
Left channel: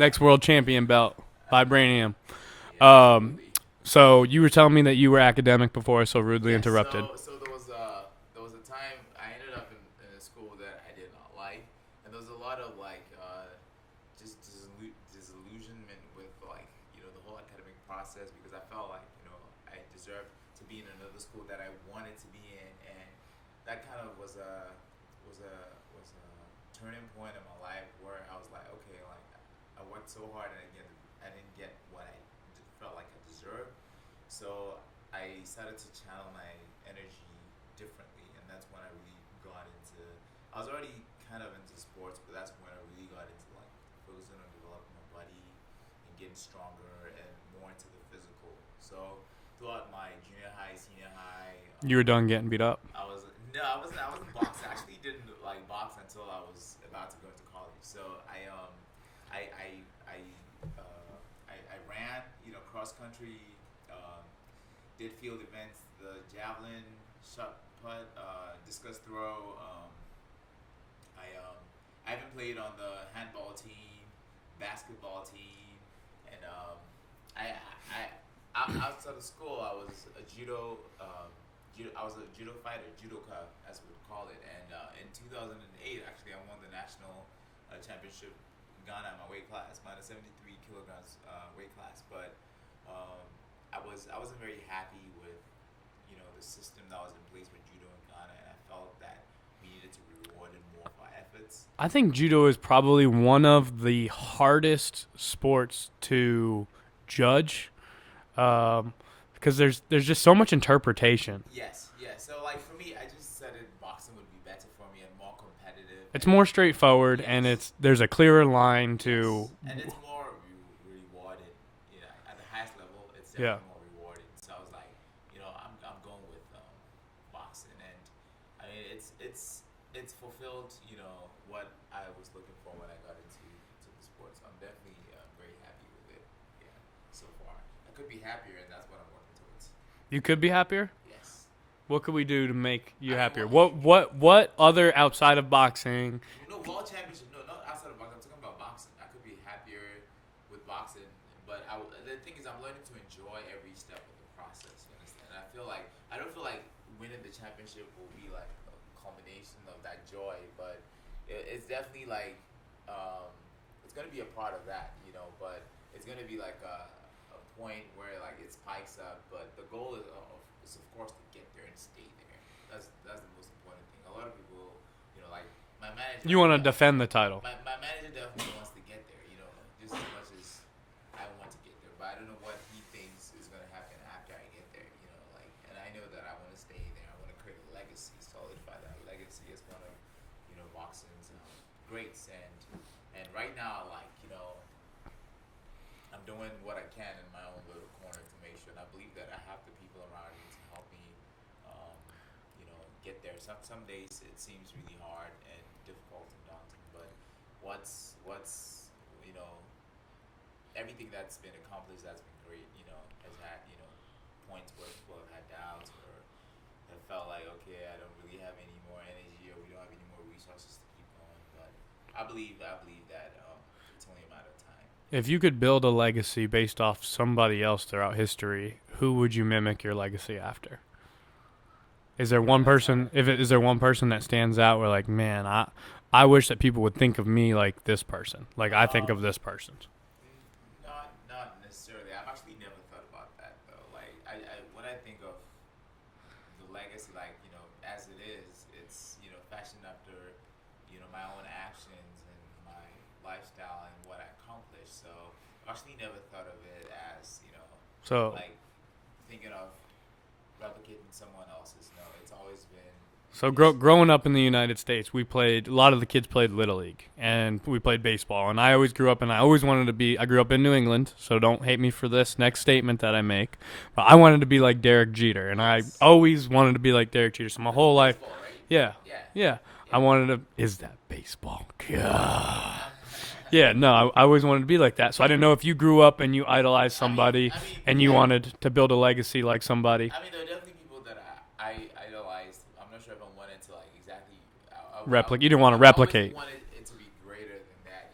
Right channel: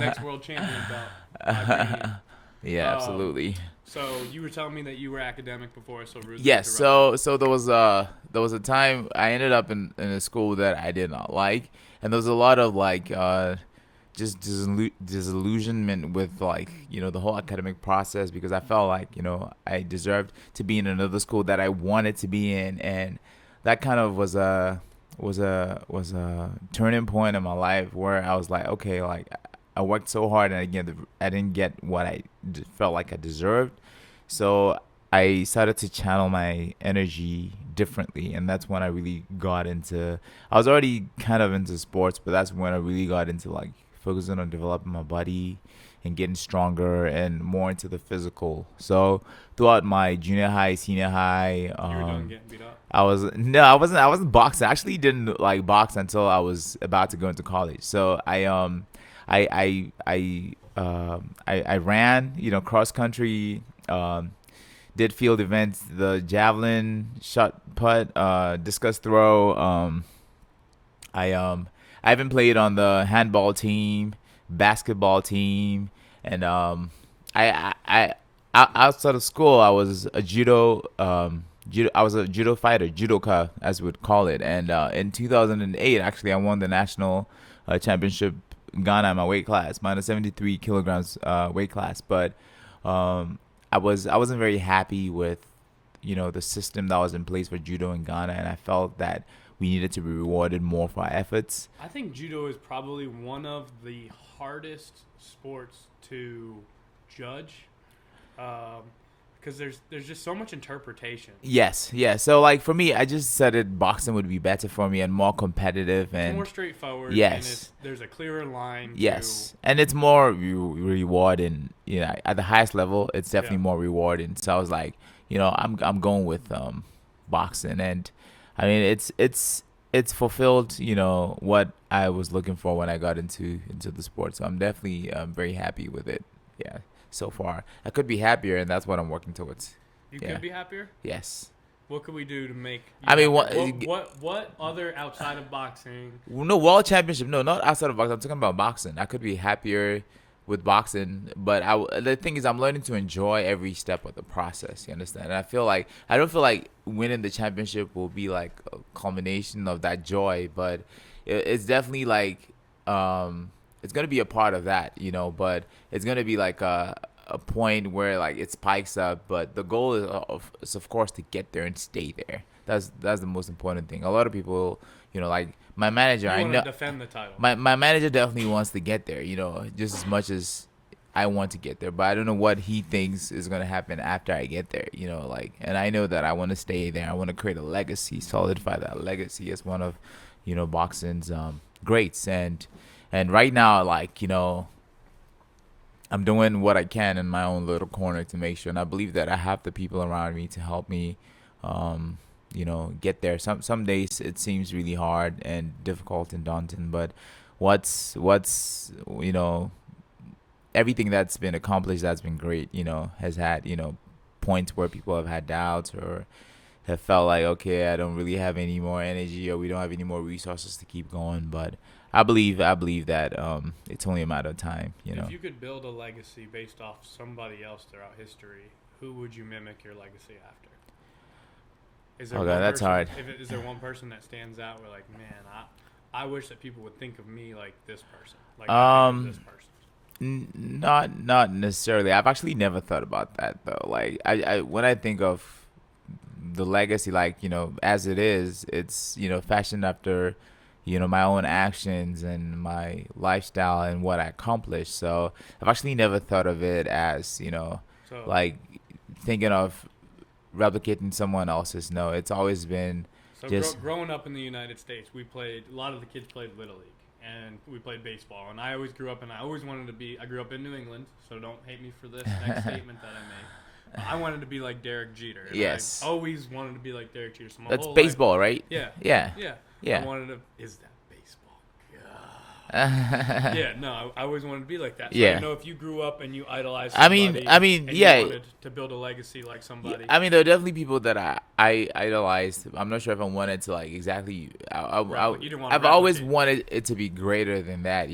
Next world champion belt, vibranium. Yeah, absolutely. So you were telling me that you were academic before I so rudely Yes. interrupted. So there was a time I ended up in a school that I did not like, and there was a lot of like just disillusionment with like the whole academic process, because I felt like I deserved to be in another school that I wanted to be in, and that kind of was a turning point in my life where I was like, okay, like I worked so hard and I didn't get what I felt like I deserved. So I started to channel my energy differently, and that's when I really got into. I was already kind of into sports, but that's when I really got into like focusing on developing my body and getting stronger and more into the physical. So throughout my junior high, senior high, You were done getting beat up. I wasn't boxing. I actually didn't like box until I was about to go into college. So I ran, cross country, did field events, the javelin, shot put, discus throw. I even played on the handball team, basketball team, and outside of school, I was a I was a judo fighter, judoka as we would call it. And in 2008, actually, I won the national championship in Ghana in my weight class, minus 73 kilograms weight class. But I wasn't very happy with the system that was in place for judo in Ghana, and I felt that we needed to be rewarded more for our efforts. I think judo is probably one of the hardest sports to judge, because there's just so much interpretation. Yes, yeah. So like for me, I just said it boxing would be better for me and more competitive. It's more straightforward, yes. and there's a clearer line yes. And it's more rewarding. At the highest level, it's definitely more rewarding. So I was like, I'm going with boxing, and I mean it's fulfilled what I was looking for when I got into the sport. So I'm definitely very happy with it. Yeah. So far, I could be happier, and that's what I'm working towards. You could be happier? Yes. What could we do to make you I mean, what other outside of boxing? No, world championship. No, not outside of boxing. I'm talking about boxing. I could be happier with boxing, but the thing is, I'm learning to enjoy every step of the process. You understand? And I don't feel like winning the championship will be like a culmination of that joy, but it's definitely like it's gonna be a part of that, but it's gonna be like a point where like it spikes up. But the goal is of course to get there and stay there. That's the most important thing. A lot of people, like my manager. You want to defend the title. My manager definitely wants to get there, just as much as I want to get there. But I don't know what he thinks is gonna happen after I get there, and I know that I want to stay there. I want to create a legacy, solidify that legacy as one of, boxing's greats. And right now, like, I'm doing what I can in my own little corner to make sure. And I believe that I have the people around me to help me, get there. Some days it seems really hard and difficult and daunting. But what's everything that's been accomplished, that's been great, has had, points where people have had doubts or have felt like, okay, I don't really have any more energy, or we don't have any more resources to keep going. But I believe that it's only a matter of time. If you could build a legacy based off somebody else throughout history, who would you mimic your legacy after? Is there one person? Is there one person that stands out where like, man, I wish that people would think of me like this person, like I think of this person? Not necessarily. I've actually never thought about that though. Like I when I think of the legacy, like as it is, it's fashioned after my own actions and my lifestyle and what I accomplished. So I've actually never thought of it as, so like thinking of replicating someone else's. No, it's always been. So growing up in the United States, a lot of the kids played Little League, and we played baseball. And I always grew up, and I always wanted to be, I grew up in New England, so don't hate me for this next statement that I make. But I wanted to be like Derek Jeter, and yes. I always wanted to be like Derek Jeter. So my That's whole baseball, life, right? Yeah. I wanted to, is that baseball? God. Yeah, no, I always wanted to be like that. So I didn't know if you grew up and you idolized somebody, and you wanted to build a legacy like somebody. I mean, there are definitely people that I idolized. I'm not sure if I wanted to like exactly. You didn't want to replicate. I've always wanted it to be greater than that.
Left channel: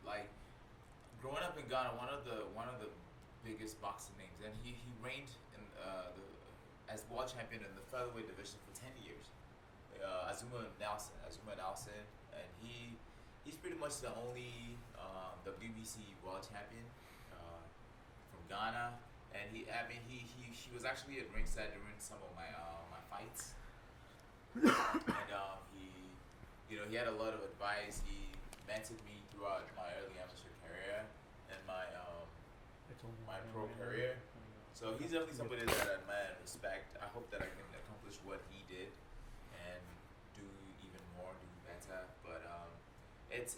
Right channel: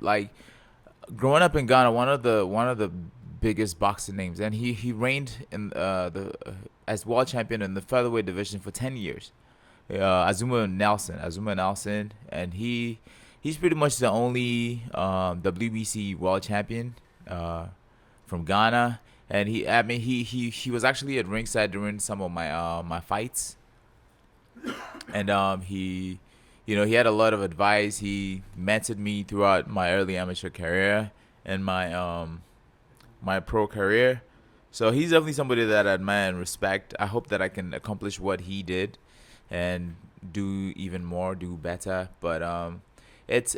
Like growing up in Ghana, one of the biggest boxing names, and he reigned in as world champion in the featherweight division for 10 years. Azuma Nelson, and he's pretty much the only WBC world champion from Ghana, and he was actually at ringside during some of my fights, and he had a lot of advice. He mentored me throughout my early amateur career and my pro career. So he's definitely somebody that I admire and respect. I hope that I can accomplish what he did and do even more, do better. But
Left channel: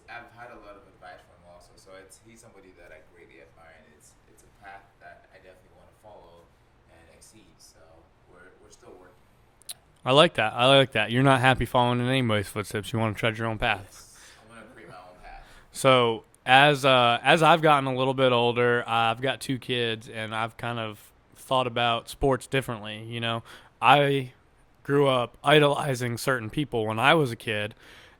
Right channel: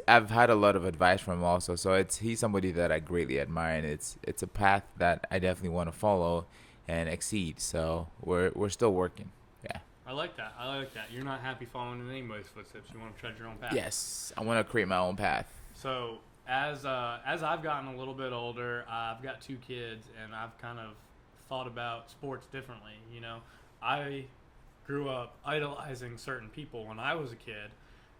I've had a lot of advice from him also. So he's somebody that I greatly admire, and it's a path that I definitely want to follow and exceed. So we're still working. Yeah. I like that. I like that. You're not happy following in anybody's footsteps. You want to tread your own path. Yes, I want to create my own path. So as I've gotten a little bit older, I've got 2 kids, and I've kind of thought about sports differently. You know, I grew up idolizing certain people when I was a kid.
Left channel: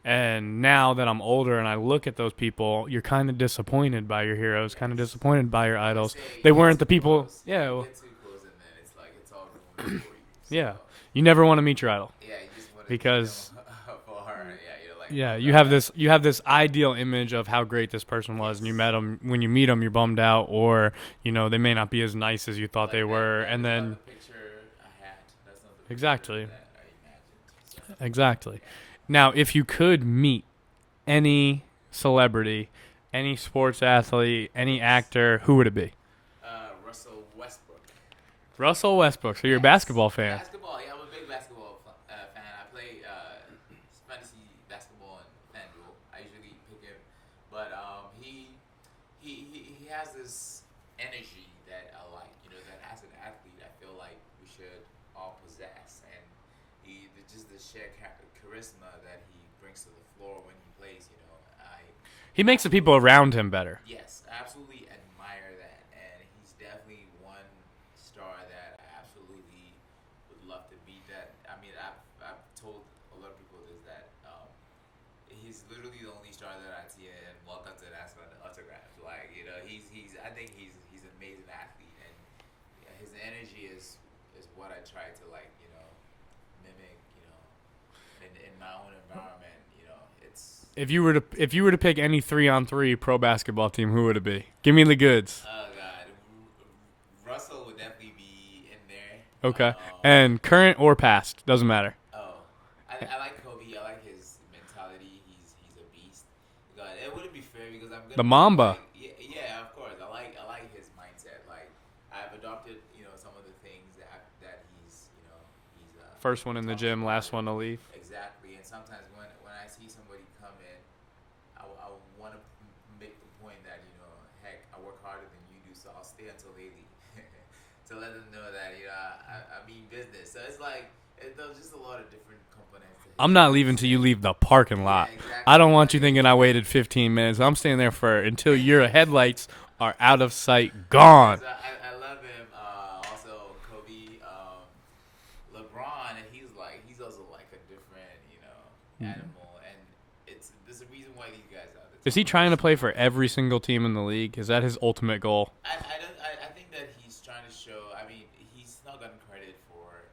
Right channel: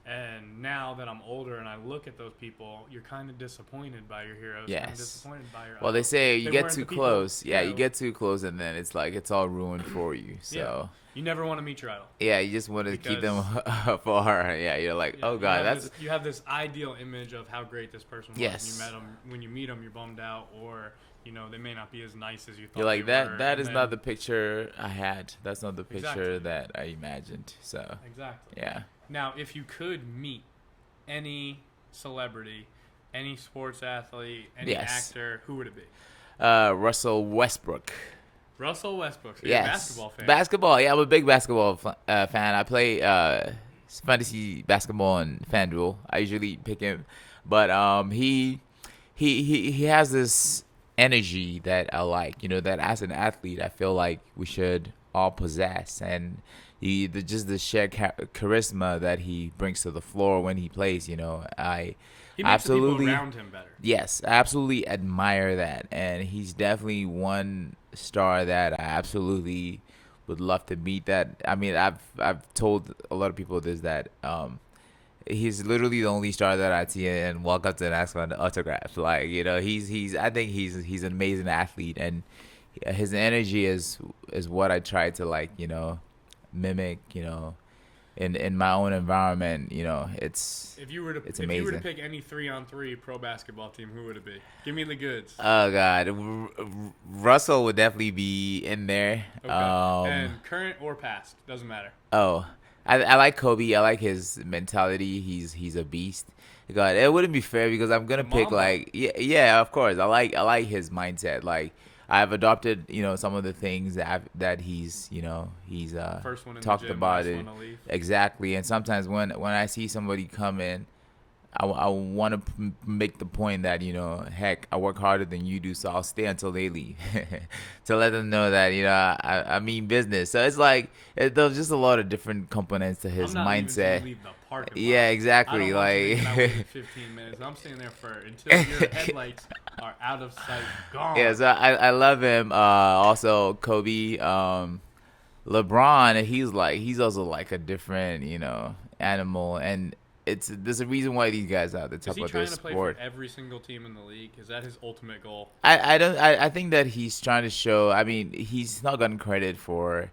And now that I'm older and I look at those people, you're kind of disappointed by your heroes, kind of Yes. disappointed by your Well, idols. they say you They get weren't too the people. close. Yeah, you well, get too close, and then it's like it's all ruined for you. So Yeah. You never want to meet your idol. yeah, you just want to keep Because- them afar. Yeah, you're like, Yeah, oh, God, you have this ideal image of how great this person was, and you Yes. met them. When you meet them, you're bummed out, or they may not be as nice as you thought like, they were. That and is then, not the picture I had. That's not the picture Exactly. that I imagined. So exactly. yeah. Now, if you could meet any celebrity, any sports athlete, any Yes. actor, who would it be? Russell Westbrook. Russell Westbrook. So you're a Yes. basketball fan. Basketball, yeah, I'm a big basketball fan. I play fantasy basketball on FanDuel. I usually pick him, but he has this energy that I like. That as an athlete, I feel like we should all possess, and just the sheer charisma that he brings to the floor when he plays. He makes the people absolutely- around him better. Yes, I absolutely admire that, and he's definitely one star that I absolutely would love to meet. That I mean, I've told a lot of people this, that he's literally the only star that I see and walk up to and ask for an autograph. Like, he's I think he's an amazing athlete, and his energy is what I try to mimic. In my own environment, it's If you were to amazing. pick any 3-on-3 pro basketball team, who would it be? Give me the goods. Oh God, Russell would definitely be in there. Okay. Um, And current or past, doesn't matter. I like Kobe. I like his mentality. He's a beast. God, it wouldn't be fair because I'm gonna The pick Mamba. yeah, of course. I like his mindset. Like, I've adopted some of the things that he's First one in the talked gym, about last it. one to leave. Exactly. And sometimes when I see somebody come in, I want to make the point that, heck, I work harder than you do, so I'll stay until they leave to let them know that, I mean business. So it's like, there's just a lot of different components to his I'm not mindset. leaving till you leave the parking lot. Yeah, exactly. I don't want you like- thinking I waited 15 minutes. I'm staying there until your headlights are out of sight, gone. Yeah, so I love him. Also, Kobe, LeBron, he's also like a different, animal, and there's a reason why these guys are at the top. Is he of trying their to play for sport. every single team in the league? Is that his ultimate goal? I think that he's trying to show. I mean, he's not gotten credit for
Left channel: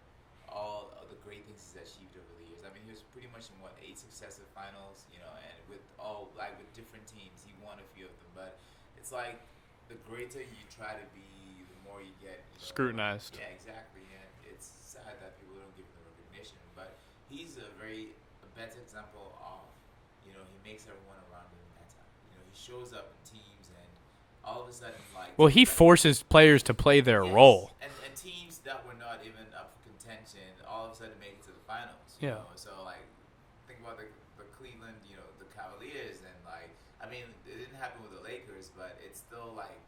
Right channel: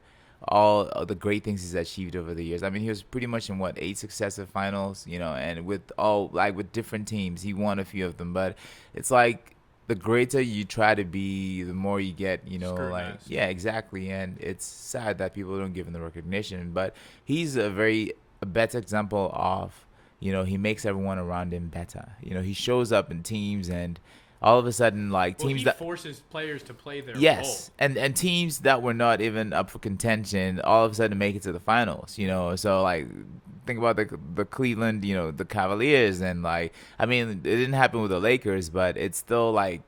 all of the great things he's achieved over the years. I mean, he was pretty much in 8 successive finals, and with different teams, he won a few of them. But it's like, the greater you try to be, the more you get, Scrutinized. yeah, exactly. And it's sad that people don't give him the recognition. But he's a better example of, he makes everyone around him better. He shows up in teams, and all of a sudden, Well, teams he that- forces players to play their yes, role. and teams that were not even up for contention all of a sudden make it to the finals. So think about the Cleveland, the Cavaliers, and I mean, it didn't happen with the Lakers, but it's still a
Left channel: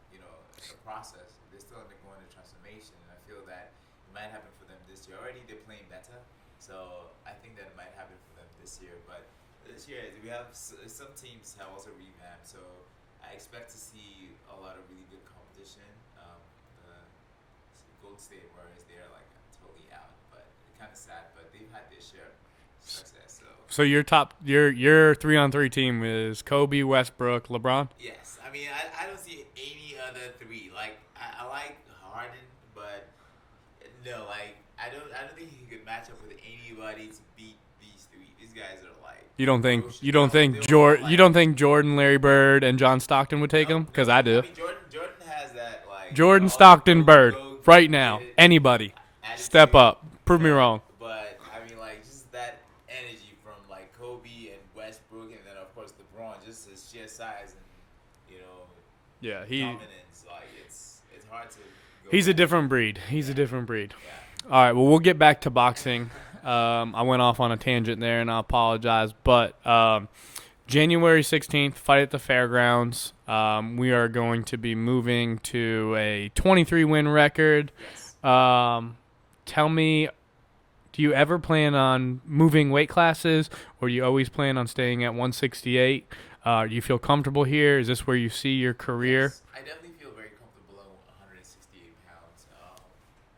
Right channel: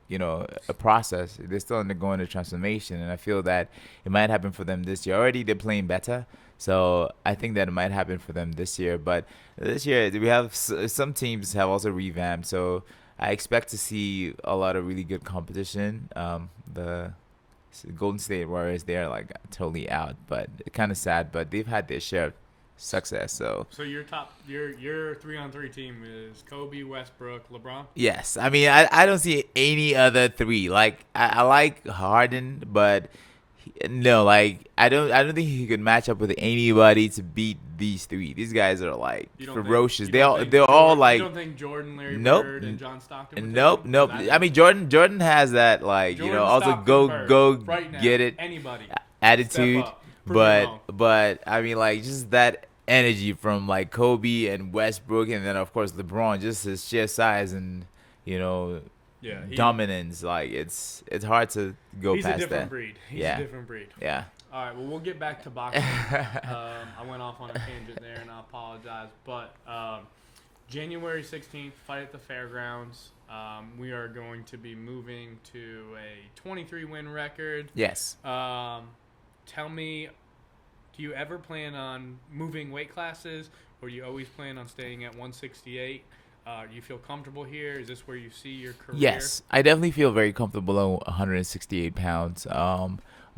process. They're still undergoing a transformation, and I feel that it might happen for them this year. Already they're playing better, so I think that it might happen for them this year. But this year we have some teams have also revamped, so I expect to see a lot of really good competition. The Golden State Warriors, they're totally out, but kind of sad, but they've had their share of success. So your 3-on-3 team is Kobe, Westbrook, LeBron. yes, I mean, I don't see any other three. I like Harden, but no, I don't think he could match up with anybody to beat these three. These guys are You don't ferocious. think? You don't think? They're Jordan, all you don't think Jordan, Larry Nope. Bird, and John Stockton would take him? No, Because I do. I mean, Jordan has that Jordan, all the Stockton, Bird, go right now. get it Anybody, attitude. step up. Prove me wrong. But I mean, just that energy from Kobe and Westbrook, and then of course LeBron, just his sheer size and Yeah, dominance. It's hard to go. He's a past different that. breed. He's Yeah. a different breed. Yeah. All right, well, we'll get back to boxing. I went off on a tangent there, and I apologize. But January 16th, fight at the fairgrounds. We are going to be moving to a 23 win record. Yes. Tell me, do you ever plan on moving weight classes, or do you always plan on staying at 168? Do you feel comfortable here? Is this where you see your career? Yes, I definitely feel very comfortable at 168 pounds.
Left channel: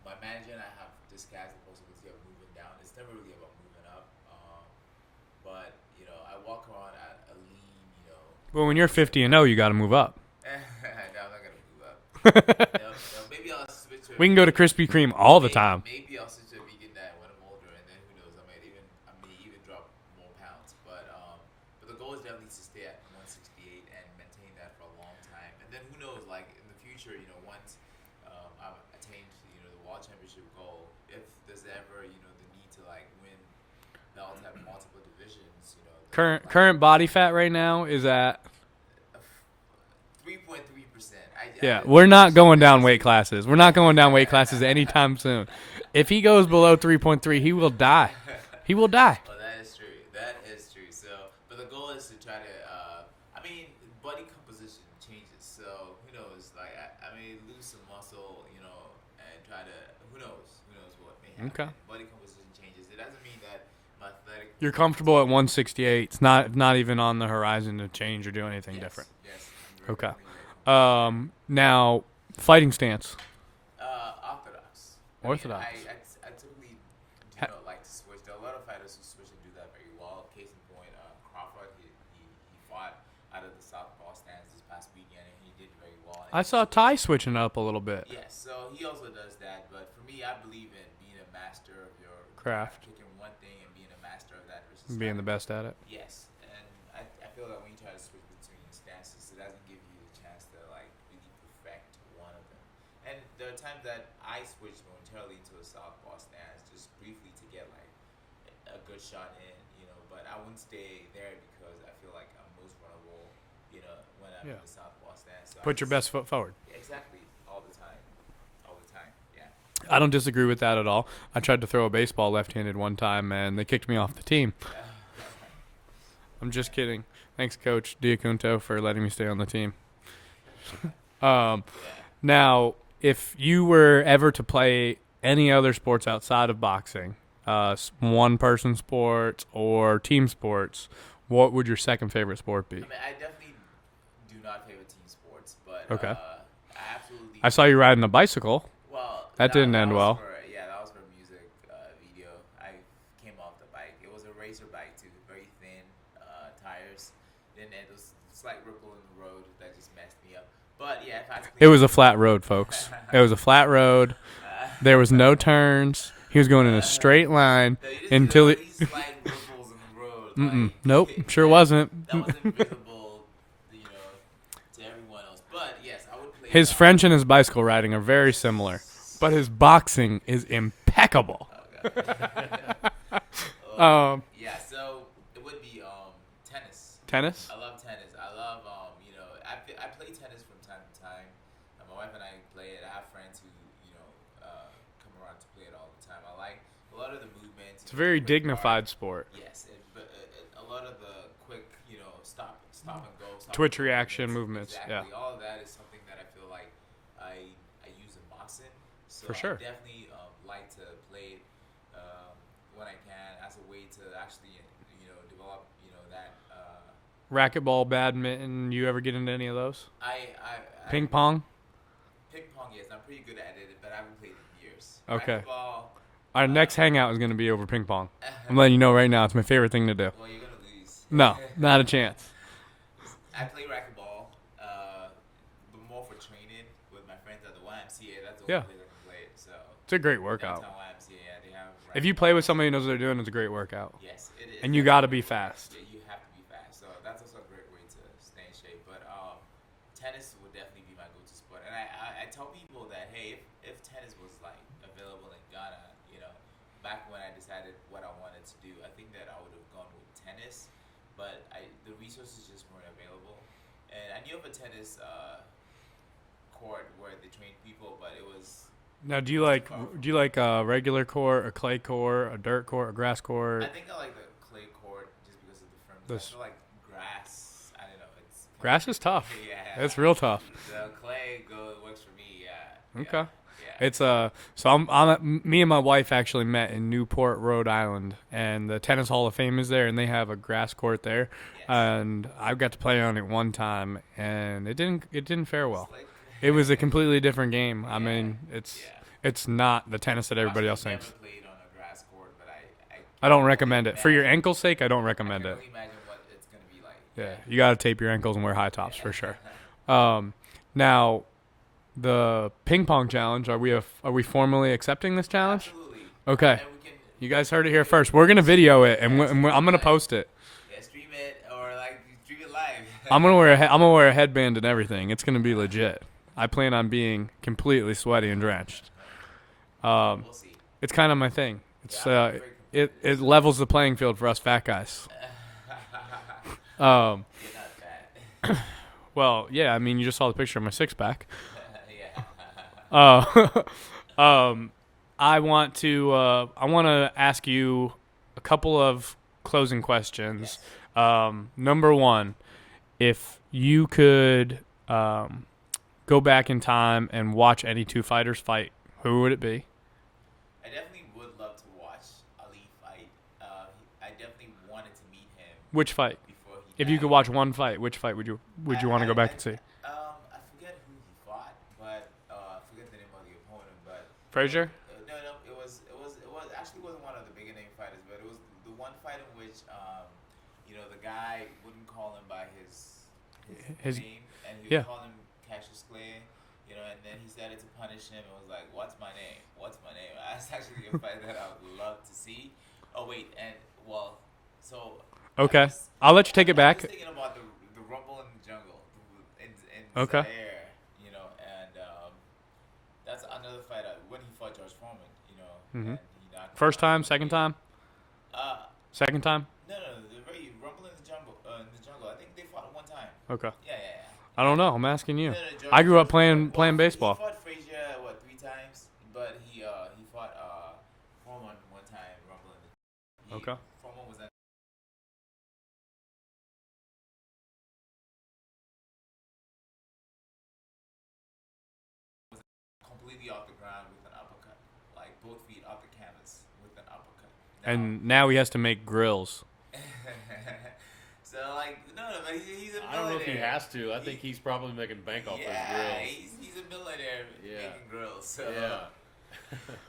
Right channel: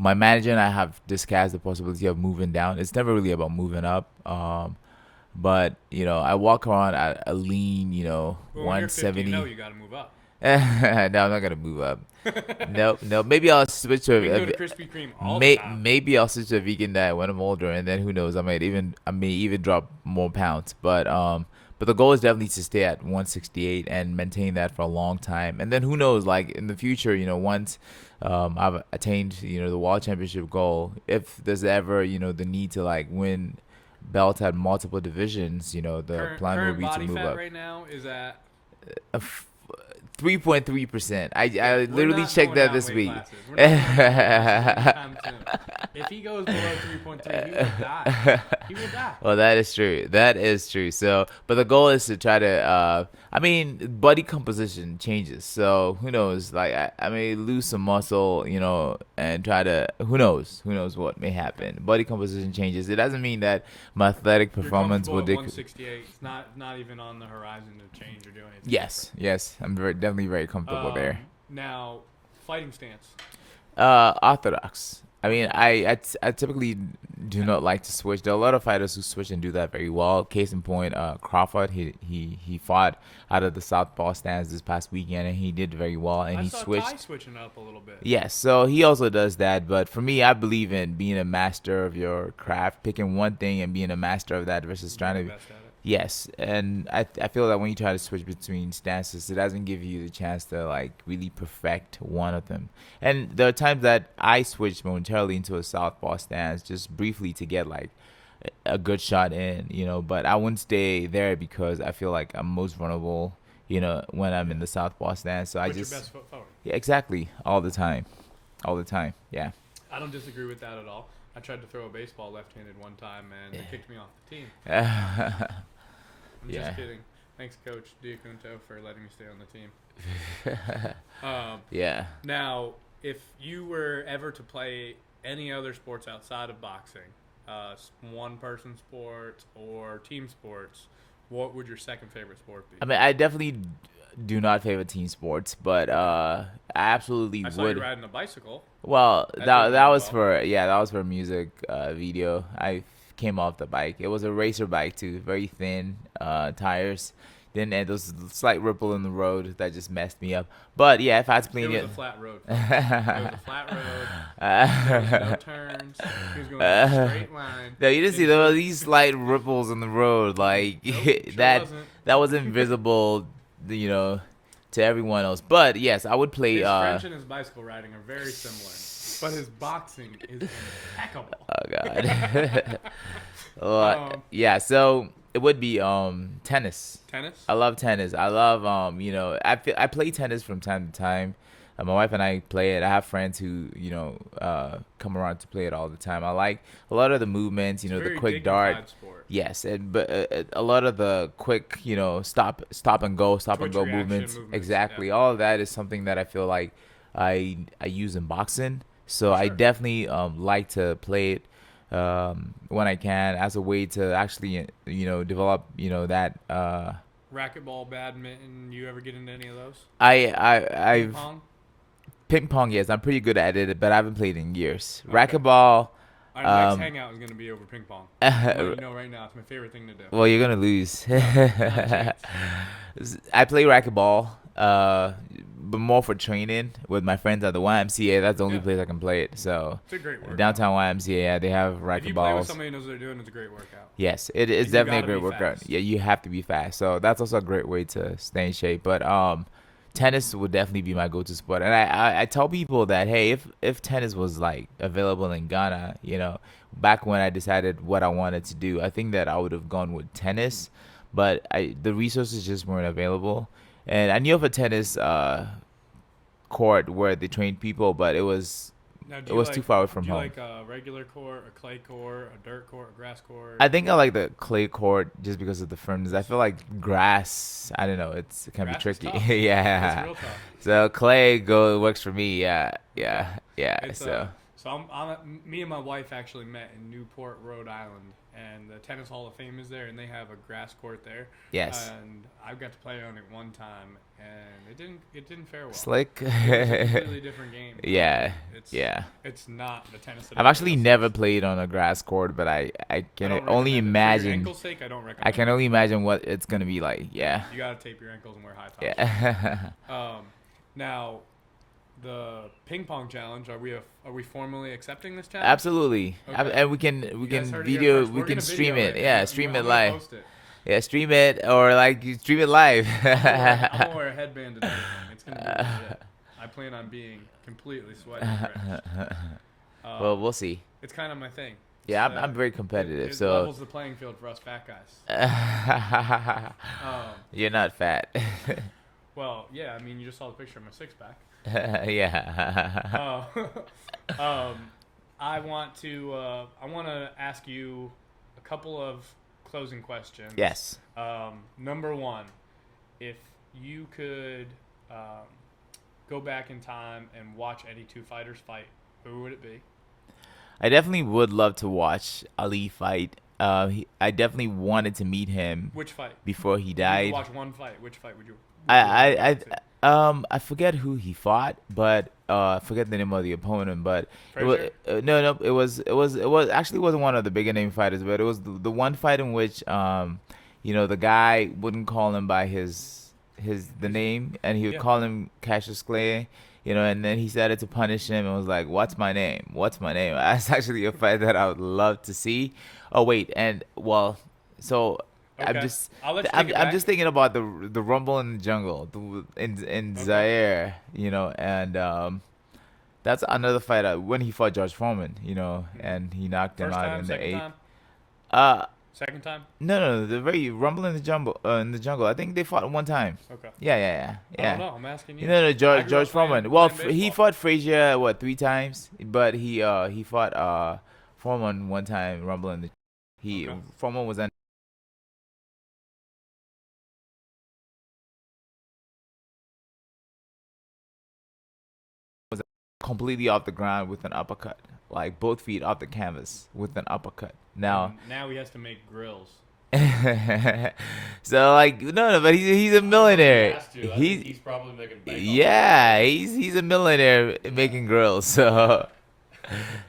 My manager and I have discussed the possibility of moving down. It's never really about moving up. But I walk around at a lean, Well, when you're 50 and 0, you got to move up. No, I'm not gonna move up. No. Maybe I'll switch to. We can go to Krispy Kreme all the time. Maybe I'll switch to a vegan diet when I'm older, and then who knows? I may even drop more pounds. But the goal is definitely to stay at 168 and maintain that for a long time. And then who knows? Like in the future, once I've attained the world championship goal, if there's ever the need to like win belts at multiple divisions, the current body fat right now is at 3.3%. We're not going down weight classes. We're not going down weight classes anytime soon. If he goes below 3.3, he will die. He will die. Well, that is true. So, but the goal is to try to. Body composition changes. So who knows? Like I may lose some muscle, and try to. Who knows? Who knows what may happen? Okay. Body composition changes. It doesn't mean that my athletic performance. You're comfortable at 168. It's not even on the horizon to change or do anything different. Yes. I'm definitely very comfortable there. Now, fighting stance. Orthodox. I typically do not like to switch. There are a lot of fighters who switch and do that very well. Case in point, Crawford. He fought out of the southpaw stance this past weekend, and he did very well. And I saw Ty switching up a little bit. Yes, so he also does that. But for me, I believe in being a master of your craft, picking one thing and being a master of that versus trying to be the best at it. Yes, and I feel that when you try to switch between stances, it doesn't give you the chance to like really perfect one of them. And there are times that I switch momentarily into a southpaw stance just briefly to get like a good shot in, but I wouldn't stay there because I feel like I'm most vulnerable, when I'm in the southpaw stance. So Put your best foot forward. Yeah, exactly. All the time. Yeah. I don't disagree with that at all. I tried to throw a baseball left-handed one time, and they kicked me off the team. I'm just kidding. Thanks, Coach Diacunto, for letting me stay on the team. Yeah. Now, if you were ever to play any other sports outside of boxing, one-person sports or team sports, what would your second favorite sport be? I definitely do not favor team sports, but I absolutely. I saw you riding a bicycle. Well, that was well. that was for a music video. I came off the bike. It was a racer bike too, very thin tires. Then there was a slight ripple in the road that just messed me up. But yeah, if I was clean, it was a flat road, folks. It was a flat road. There was no turns. He was going in a straight line. No, you didn't see these slight ripples in the road. Like nope, wasn't. That wasn't visible, to everyone else. But yes, I would play. His French and his bicycle riding are very similar, but his boxing is impeccable. Oh God. Yeah. So. It would be tennis. Tennis? I love tennis. I love I play tennis from time to time. My wife and I play it. I have friends who come around to play it all the time. I like a lot of the movements. It's the very quick dignified dart. Sport. Yes, but a lot of the quick stop and go Twitch and go movements. Exactly. Yeah. All of that is something that I feel like I use in boxing. So sure. I definitely like to play it. When I can, as a way to actually develop that racquetball, badminton. You ever get into any of those? Ping pong, yes, I'm pretty good at it, but I haven't played in years. Okay. Racquetball. Our next hangout is going to be over ping pong. I'm letting you know right now, it's my favorite thing to do. Well, you're gonna lose. No, not a chance. I play racquetball, but more for training with my friends at the YMCA. That's the only place I can play it. So it's a great workout. Downtown YMCA, they have racquetball. If you play with somebody who knows what they're doing, it's a great workout. Yes, it is definitely a great workout. Yeah, you have to be fast. So that's also a great way to stay in shape. But tennis would definitely be my go-to sport. And I tell people that, hey, if tennis was like available in Ghana, back when I decided what I wanted to do, I think that I would have gone with tennis. But the resources just weren't available. And I knew of a tennis court where they trained people, but it was Now, It was too far away from do you home. like a regular court, a clay court, a dirt court, a grass court? I think I like the clay court just because of the firmness. I Yes. feel like grass. I don't know. It's kind of Grass is tricky. tough. Yeah, It's real tough. So clay works for me. Yeah, Okay. yeah. It's So so me and my wife actually met in Newport, Rhode Island, and the Tennis Hall of Fame is there, and they have a grass court there. yes, And I got to play on it one time, and it didn't fare well. slick. It was a completely different game. I Yeah, mean, yeah. it's not the tennis that I've everybody actually else never thinks. played on a grass court, but I can I don't only recommend it for imagine, your ankle's sake. I don't I recommend can it. only imagine what it's gonna be like. Yeah. You got to tape your ankles and wear high tops. Yeah. Now, the ping pong challenge. Are we formally accepting this challenge? Absolutely. Okay. And we can. You guys heard it here first. We're gonna stream video it, Yeah, and stream I'm it gonna live. post it. Yeah, stream it or like you stream it live. I'm gonna wear a headband and everything. It's gonna be legit. I plan on being completely sweaty and drenched. Well, we'll see. It's kind of my thing. Yeah, It's, I'm very competitive. It so. levels the playing field for us fat guys. You're not fat. Well, yeah. I mean, you just saw the picture of my six pack. Yeah. I want to ask you a couple of closing questions. Yes. Number one, if you could go back in time and watch any two fighters fight, who would it be? I definitely would love to watch Ali fight. I definitely wanted to meet him Which fight? before he If died. you could watch one fight, which fight would you want to go back and see? I forget who he fought, but I forget the name of the opponent. But Frazier? No, it was actually wasn't one of the bigger name fighters, but it was the one fight in which the guy wouldn't call him by his name, and he would Yeah. call him Cassius Clay. And then he started to punish him and was like, "What's my name? What's my name?" That's actually a fight that I would love to see. Oh wait, so Okay. I'll let you take it back. I'm just thinking about the Rumble in the Jungle in Okay. Zaire, and that's another fight when he fought George Foreman, and he knocked him First out time, in the second eighth. time, second time. No, the very Rumble in the Jungle. I think they fought one time. Okay. Yeah. I don't know. I'm asking you. No, I grew up George playing Foreman. Well, baseball. he fought Frazier 3 times, but he fought Foreman one time. Rumble in the Okay. Foreman was in. Completely off the ground with an uppercut, like both feet off the canvas with an uppercut. Now he has to make grills. So no, but he's a millionaire. He has to. I think he's probably making bank. Yeah, he's a millionaire making grills. So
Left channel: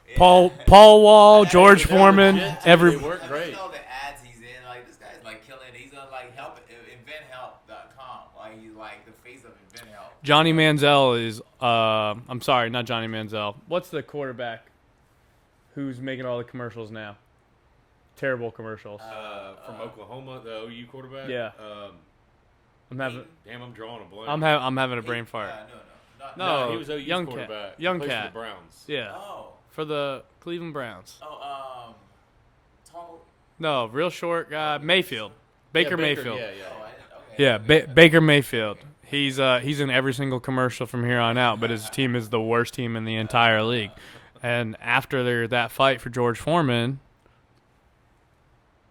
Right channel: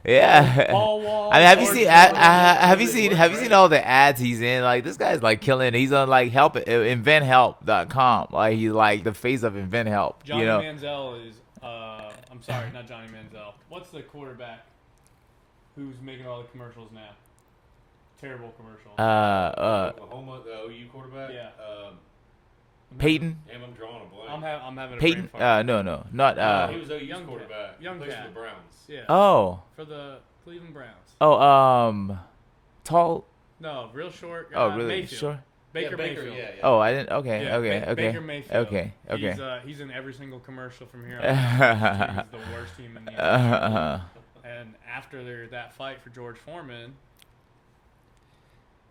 yeah. Paul Wall, I mean, George Foreman. Have you seen all the ads he's in? Like this guy's killing. He's on inventhelp.com. Like he's like the face of Invent Help. Johnny Manziel is. I'm sorry, not Johnny Manziel. What's the quarterback who's making all the commercials now? Terrible commercials. Oklahoma, the OU quarterback. Yeah. Peyton. Damn, I'm drawing a blank. I'm having a brain Peyton. fart. No, not. He was OU's young cat. quarterback. Young Plays for cat. the Browns. Yeah. For the Cleveland Browns. Tall. No, real short guy. Really? Mayfield. Sure. Baker Yeah, Mayfield. Yeah. Oh, I didn't. Okay. Yeah, okay. Baker Mayfield. Okay. He's in every single commercial from here on out. But his team is the worst team in the entire league. And after that fight for George Foreman,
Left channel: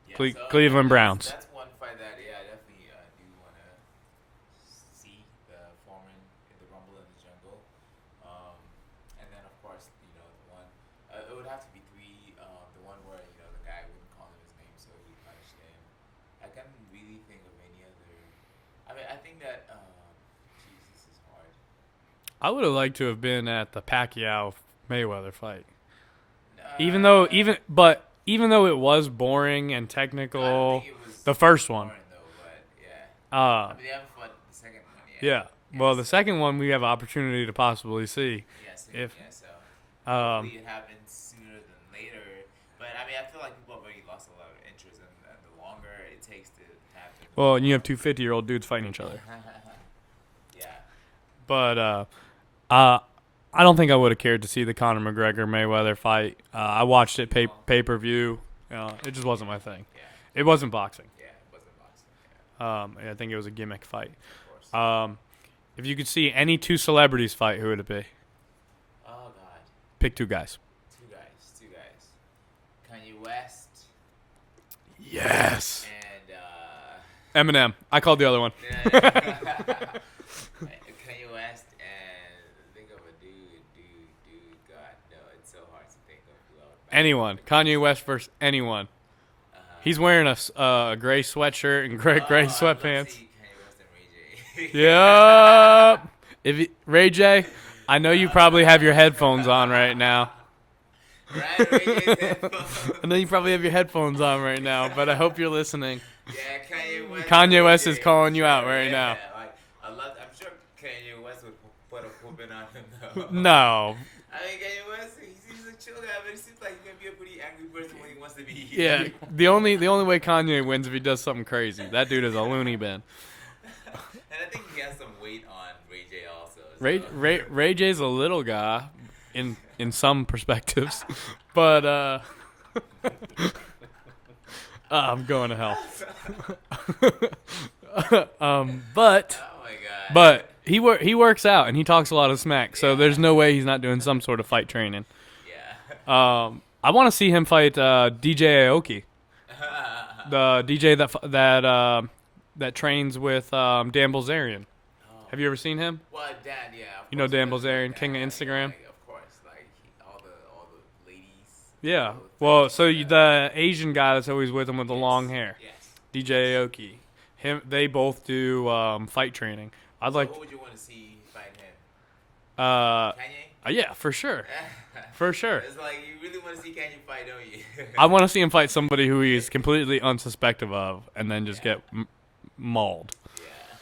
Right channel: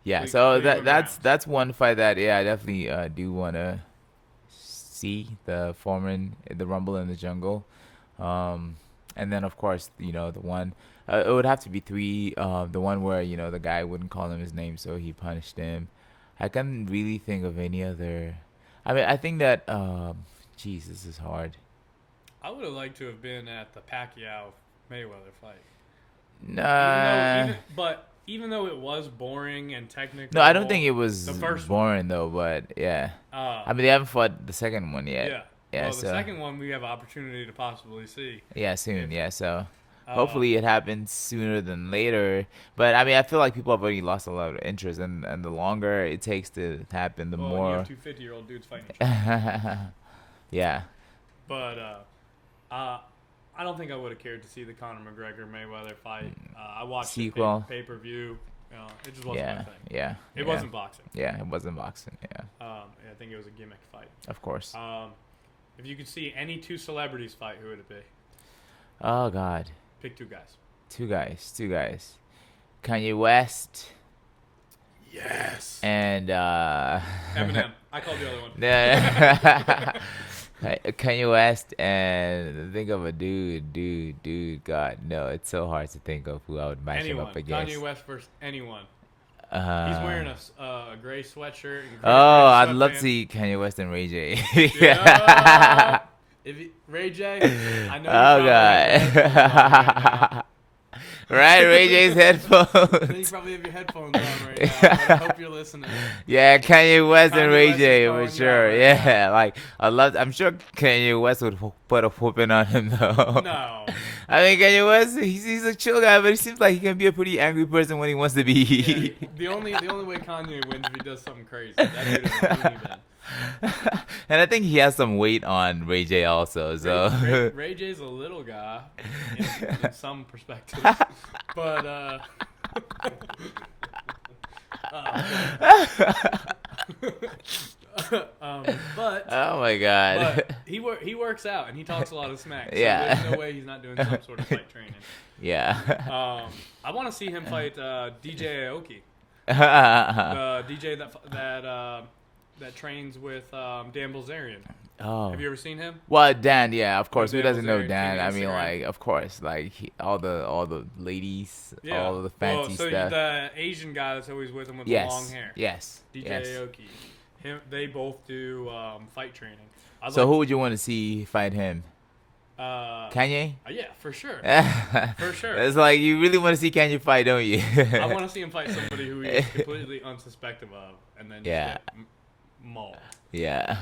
Yeah. Cleveland Browns. That's one fight that I definitely do want to see, the Foreman, the Rumble in the Jungle, and then of course the one. It would have to be 3. The one where the guy wouldn't call him his name, so he punished him. I can't really think of any other. I mean, I think that. Jeez, this is hard. I would have liked to have been at the Pacquiao Mayweather fight. No. Even though it was boring and technical. No, I don't think it was the first boring though. But yeah. I I mean, they haven't fought the second one yet. Yeah. Well, the second one we have opportunity to possibly see. Yeah, soon. So. Um, Hopefully it happens sooner than later. But I mean, I feel like people have already lost a lot of interest, and the longer it takes to happen, the more. Well, and you have 2 50-year-old dudes fighting each other. Yeah. But I don't think I would have cared to see the Conor McGregor Mayweather fight. I watched it Sequel. pay-per-view. It just wasn't my thing. Yeah. It wasn't boxing. Yeah, it wasn't boxing. Yeah, I think it was a gimmick fight. of course. If you could see any 2 celebrities fight, who would it be? Oh God. Pick two guys. Two guys. Kanye West Yes. and Eminem. I called the other one. Kanye West and think of a dude. God, no, it's so hard to think of who I would match him Anyone. up against. Kanye West versus anyone. He's wearing a gray sweatshirt and gray I'd love to sweatpants. see Kanye West and Ray J. Yeah. Ray J, I know you probably have your headphones on right now. Right, Ray J's headphones. I know you probably have your headphones on right now, but I hope you're listening. Yeah, Kanye West and Kanye Ray West J, is calling for you sure. out right Yeah, like I'm sure Kanye West would put a whooping on him though. No. I mean, Kanye West, he's a chill guy, but he seems like he can be a pretty angry person when he wants to be. Yeah. The only way Kanye wins if he does something crazy. That dude is a loony bin. And I think he has some weight on Ray J also. So Ray J's a little guy in some perspectives, but I'm going to hell. But oh my god. but he works out and he talks a lot of smack, so Yeah. there's no way he's not doing some sort of fight training. yeah. I want to see him fight DJ Aoki, the DJ that trains with Dan Bilzerian. Oh. Have you ever seen him? Well, Dan, yeah, of You know course. Who Dan doesn't know Bilzerian, Dan? King I of mean, Instagram? like, of course, like all the ladies, Yeah. all the fancy Well, so stuff. the Asian guy that's always with him with the long hair, Yes. DJ yes. Aoki. They both do fight training. So who would you want to see fight him? Kanye? Yeah, for sure. For sure. It's like you really want to see Kanye fight, don't you? I want to see him fight somebody who he is completely unsuspecting of, and then just Yeah. get mauled. Yeah.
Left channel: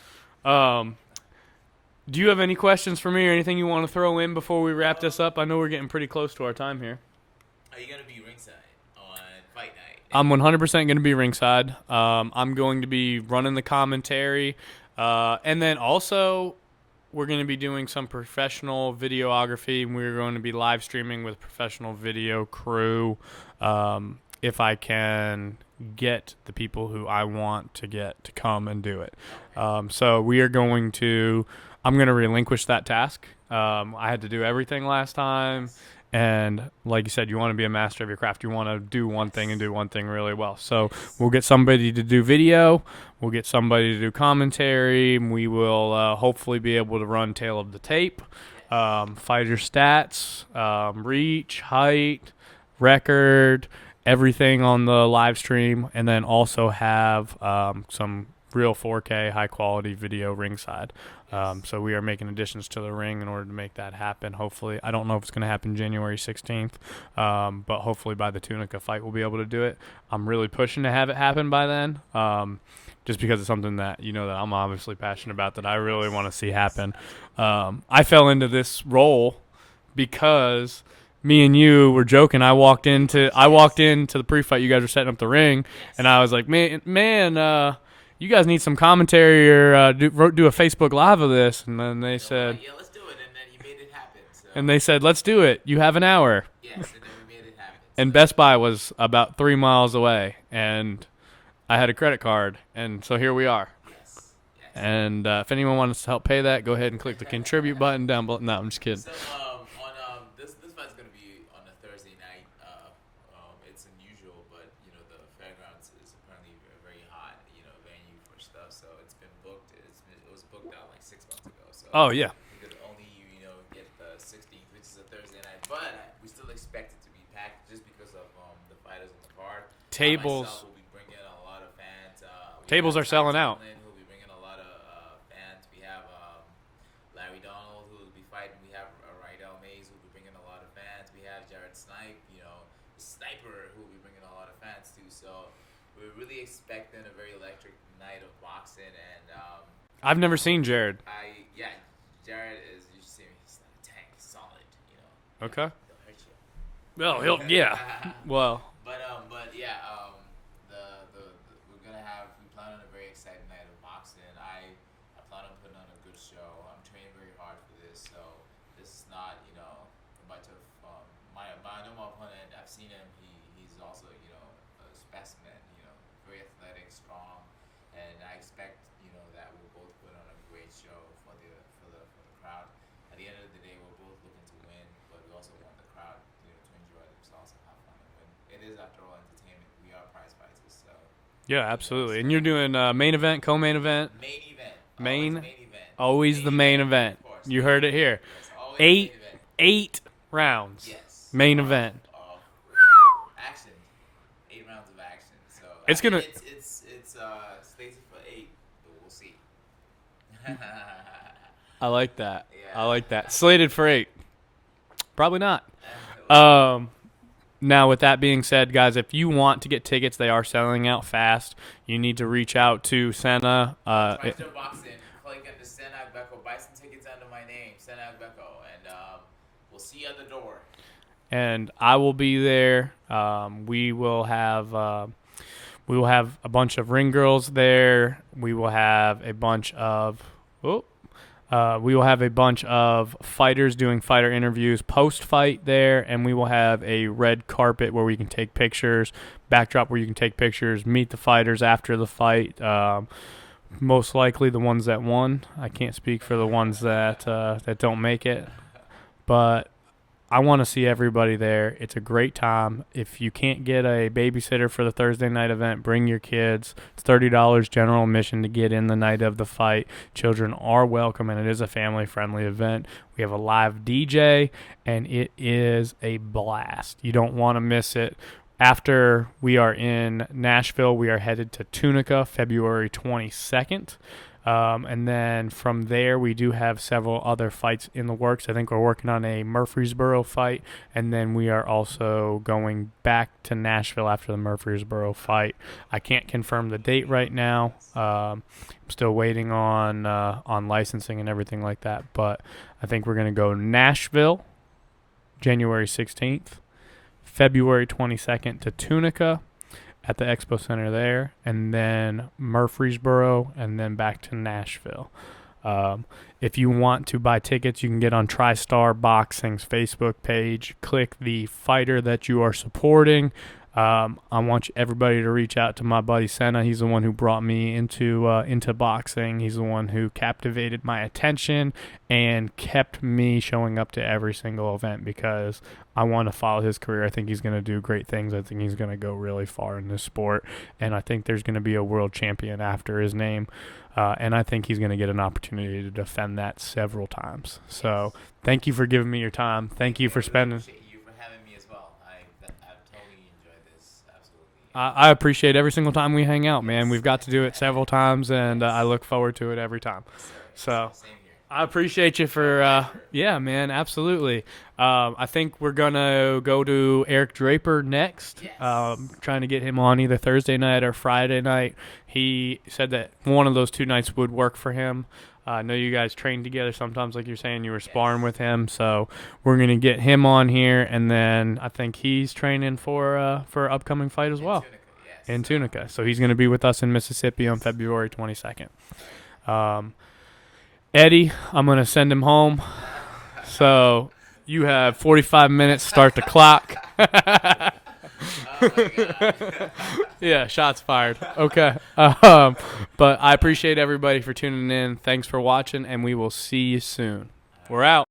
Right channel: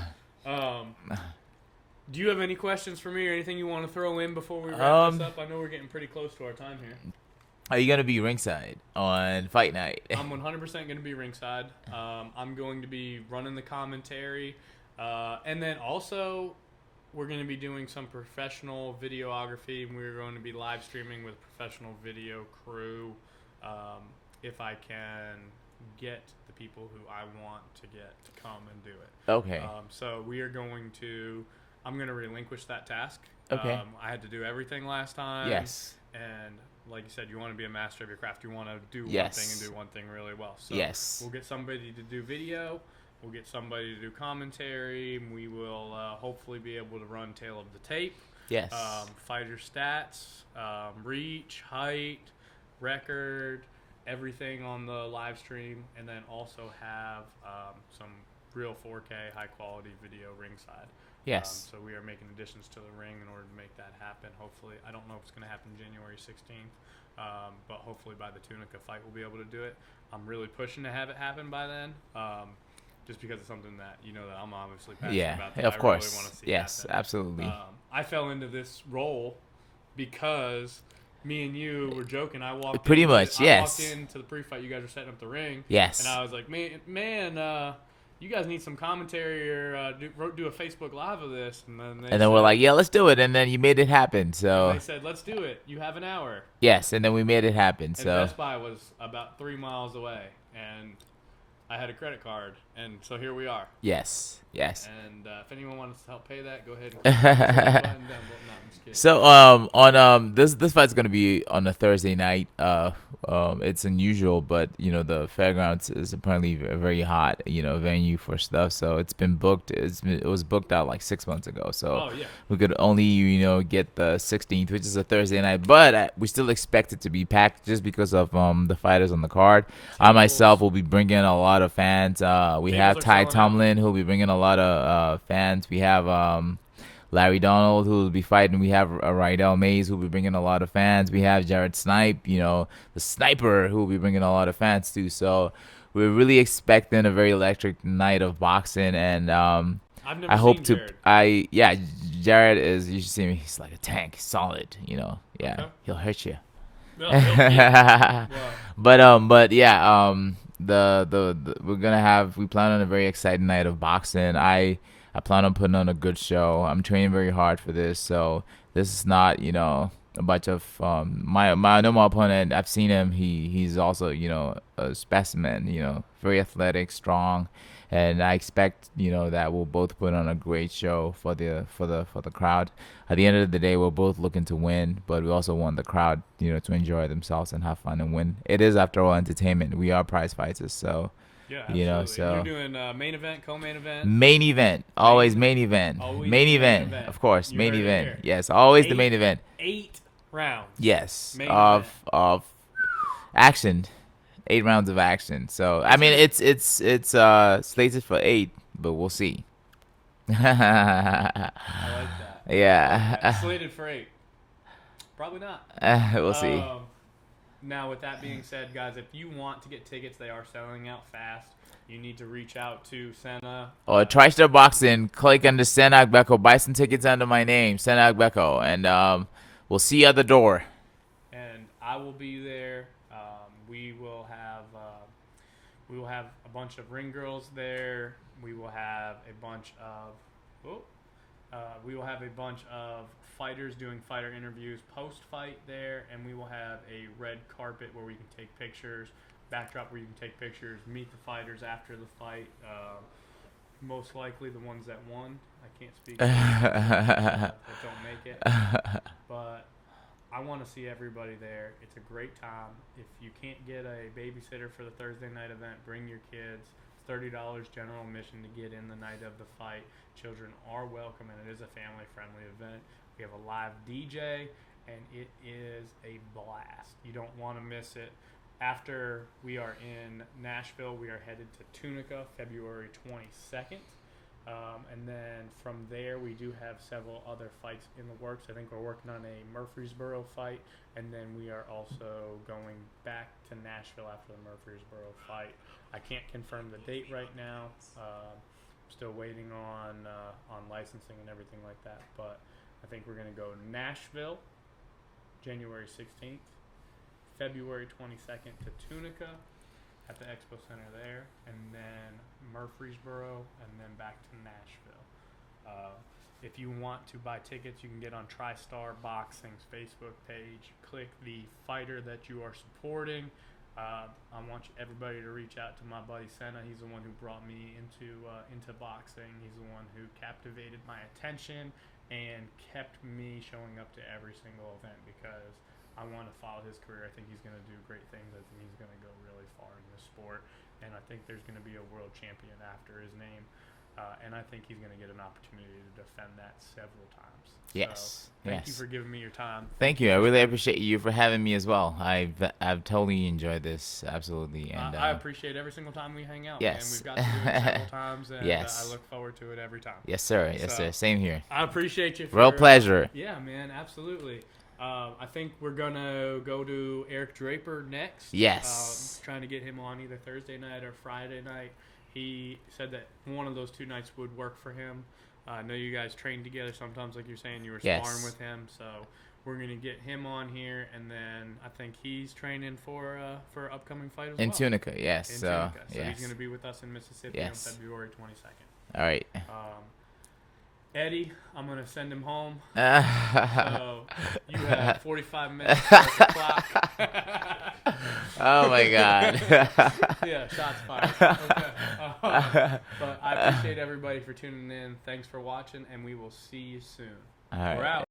Do you have any questions for me or anything you want to throw in before we wrap this up? I know we're getting pretty close to our time here. Are you gonna be ringside on fight night? I'm 100% going to be ringside. I'm going to be running the commentary, and then also we're going to be doing some professional videography, and we're going to be live streaming with professional video crew. If I can get the people who I want to get to come and do it. Okay. So we are going to. I'm going to relinquish that task. Okay. I had to do everything last time. Yes. And like you said, you want to be a master of your craft. You want to do one thing and Yes. do one thing really well. So Yes. we'll get somebody to do video. We'll get somebody to do commentary. We will hopefully be able to run tail of the tape. Yes. Fighter stats, reach, height, record, everything on the live stream. And then also have some real 4K high quality video ringside. Yes. So we are making additions to the ring in order to make that happen. Hopefully, I don't know if it's going to happen January 16th, but hopefully by the Tunica fight we'll be able to do it. I'm really pushing to have it happen by then, just because it's something that that I'm obviously passionate about, that of I course. really want to see Yes, happen. Absolutely. I fell into this role because me and you were joking. I walked Pretty into much, I yes. walked into the pre-fight. You guys were setting up the ring. Yes. And I was like, man, you guys need some commentary or do a Facebook Live of this. And then we're like, yeah, let's do it. And then you made it happen. So. and they said, let's do it. You have an hour. Yes, and then we made it happen. And so. Best Buy was about 3 miles away, and I had a credit card, and so here we are. Yes. Yes. And if anyone wants to help pay that, go ahead and click the contribute button down below. No, I'm just kidding. So on this fight's gonna be on a Thursday night. It's unusual, but the fairgrounds is apparently a very hot venue for stuff. So it's been booked. It was booked out like 6 months ago. So Oh yeah. we could only get the 16th, which is a Thursday night, but we still expect it to be packed just because of the fighters on the card. I myself will be bringing a lot of fans. We Tables have are Ty selling out. Tomlin who'll be bringing a lot of fans. We have Larry Donald who will be fighting. We have Rydell Mays who will be bringing a lot of fans. We have Jared Snipe, the sniper, who will be bringing a lot of fans too. So we're really expecting a very electric night of boxing. And I've never seen Jared. Jared is. You should see him. He's like a tank. He's solid. Yeah, Okay. he'll hurt you. Well, yeah. Well, But yeah, we're gonna have. We plan on a very exciting night of boxing. I plan on putting on a good show. I'm training very hard for this, so this is not a bunch of my normal opponent. I've seen him. He's also a specimen. Very athletic, strong, and I expect that we'll both put on a great show for the crowd. At the end of the day, we're both looking to win, but we also want the crowd to enjoy themselves and have fun and win. It is, after all, entertainment. We are prize fighters, so. Yeah, absolutely. So And you're doing main event, co-main event? Main event. Always main event. Always main the main event. Of course. You main heard event. it here. Yes, always the main event. 8 rounds. Yes. Main event. Of action. 8 rounds of action. So, it's slated for 8, but we'll see. I like that. Yeah. I like that. Slated for 8. Probably not. We'll see. Now, with that being said, guys, if you want to get tickets, they are selling out fast. You need to reach out to Sena. TriStar Boxing. Click under Sena Agbeko. Buy some tickets under my name, Sena Agbeko. And we'll see you at the door. And I will be there. We will have a bunch of ring girls there. We will have a bunch of fighters doing fighter interviews post-fight there, and we will have a red carpet where we can take pictures, backdrop where you can take pictures, meet the fighters after the fight. Most likely the ones that won. I can't speak for the ones that don't make it, but I want to see everybody there. It's a great time. If you can't get a babysitter for the Thursday night event, bring your kids. It's $30 general admission to get in the night of the fight. Children are welcome, and it is a family-friendly event. We have a live DJ, and it is a blast. You don't want to miss it. After we are in Nashville, we are headed to Tunica February 22nd. And then from there, we do have several other fights in the works. I think we're working on a Murfreesboro fight, and then we are also going back to Nashville after the Murfreesboro fight. I can't confirm the date right now. I'm still waiting on licensing and everything like that, but I think we're going to go Nashville, January 16th, February 22nd to Tunica at the Expo Center there, and then Murfreesboro, and then back to Nashville. If you want to buy tickets, you can get on TriStar Boxing's Facebook page. Click the fighter that you are supporting. I want everybody to reach out to my buddy Sena. He's the one who brought me into boxing. He's the one who captivated my attention and kept me showing up to every single event because I want to follow his career. I think he's going to do great things. I think he's going to go really far in this sport, and I think there's going to be a world champion after his name. And I think he's going to get an opportunity to defend that several times. Yes. So thank you for giving me your time. Thank you. I really appreciate you for having me as well. I've totally enjoyed this. Absolutely. And, I appreciate every single time we hang out, yes. man. We've got to do it several times, and Yes. I look forward to it every time. Yes, sir. Yes, sir. Same here. I appreciate you for Real pleasure. Yeah, man, absolutely. I think we're gonna go to Eric Draper next. Yes. Trying to get him on either Thursday night or Friday night. He said that one of those 2 nights would work for him. I know you guys trained together sometimes, like you're saying. You were sparring with him, so we're gonna get him on here, and then I think he's training for an upcoming fight as well. In Tunica, yes. In Tunica, so yes. he's gonna be with us in Mississippi on Yes. February 22nd. All right. Eddie, I'm going to send him home. So you have 45 minutes to start the clock. Oh, my God. Yeah, shots fired. Okay. But I appreciate everybody for tuning in. Thanks for watching, and we will see you soon. All right. We're out.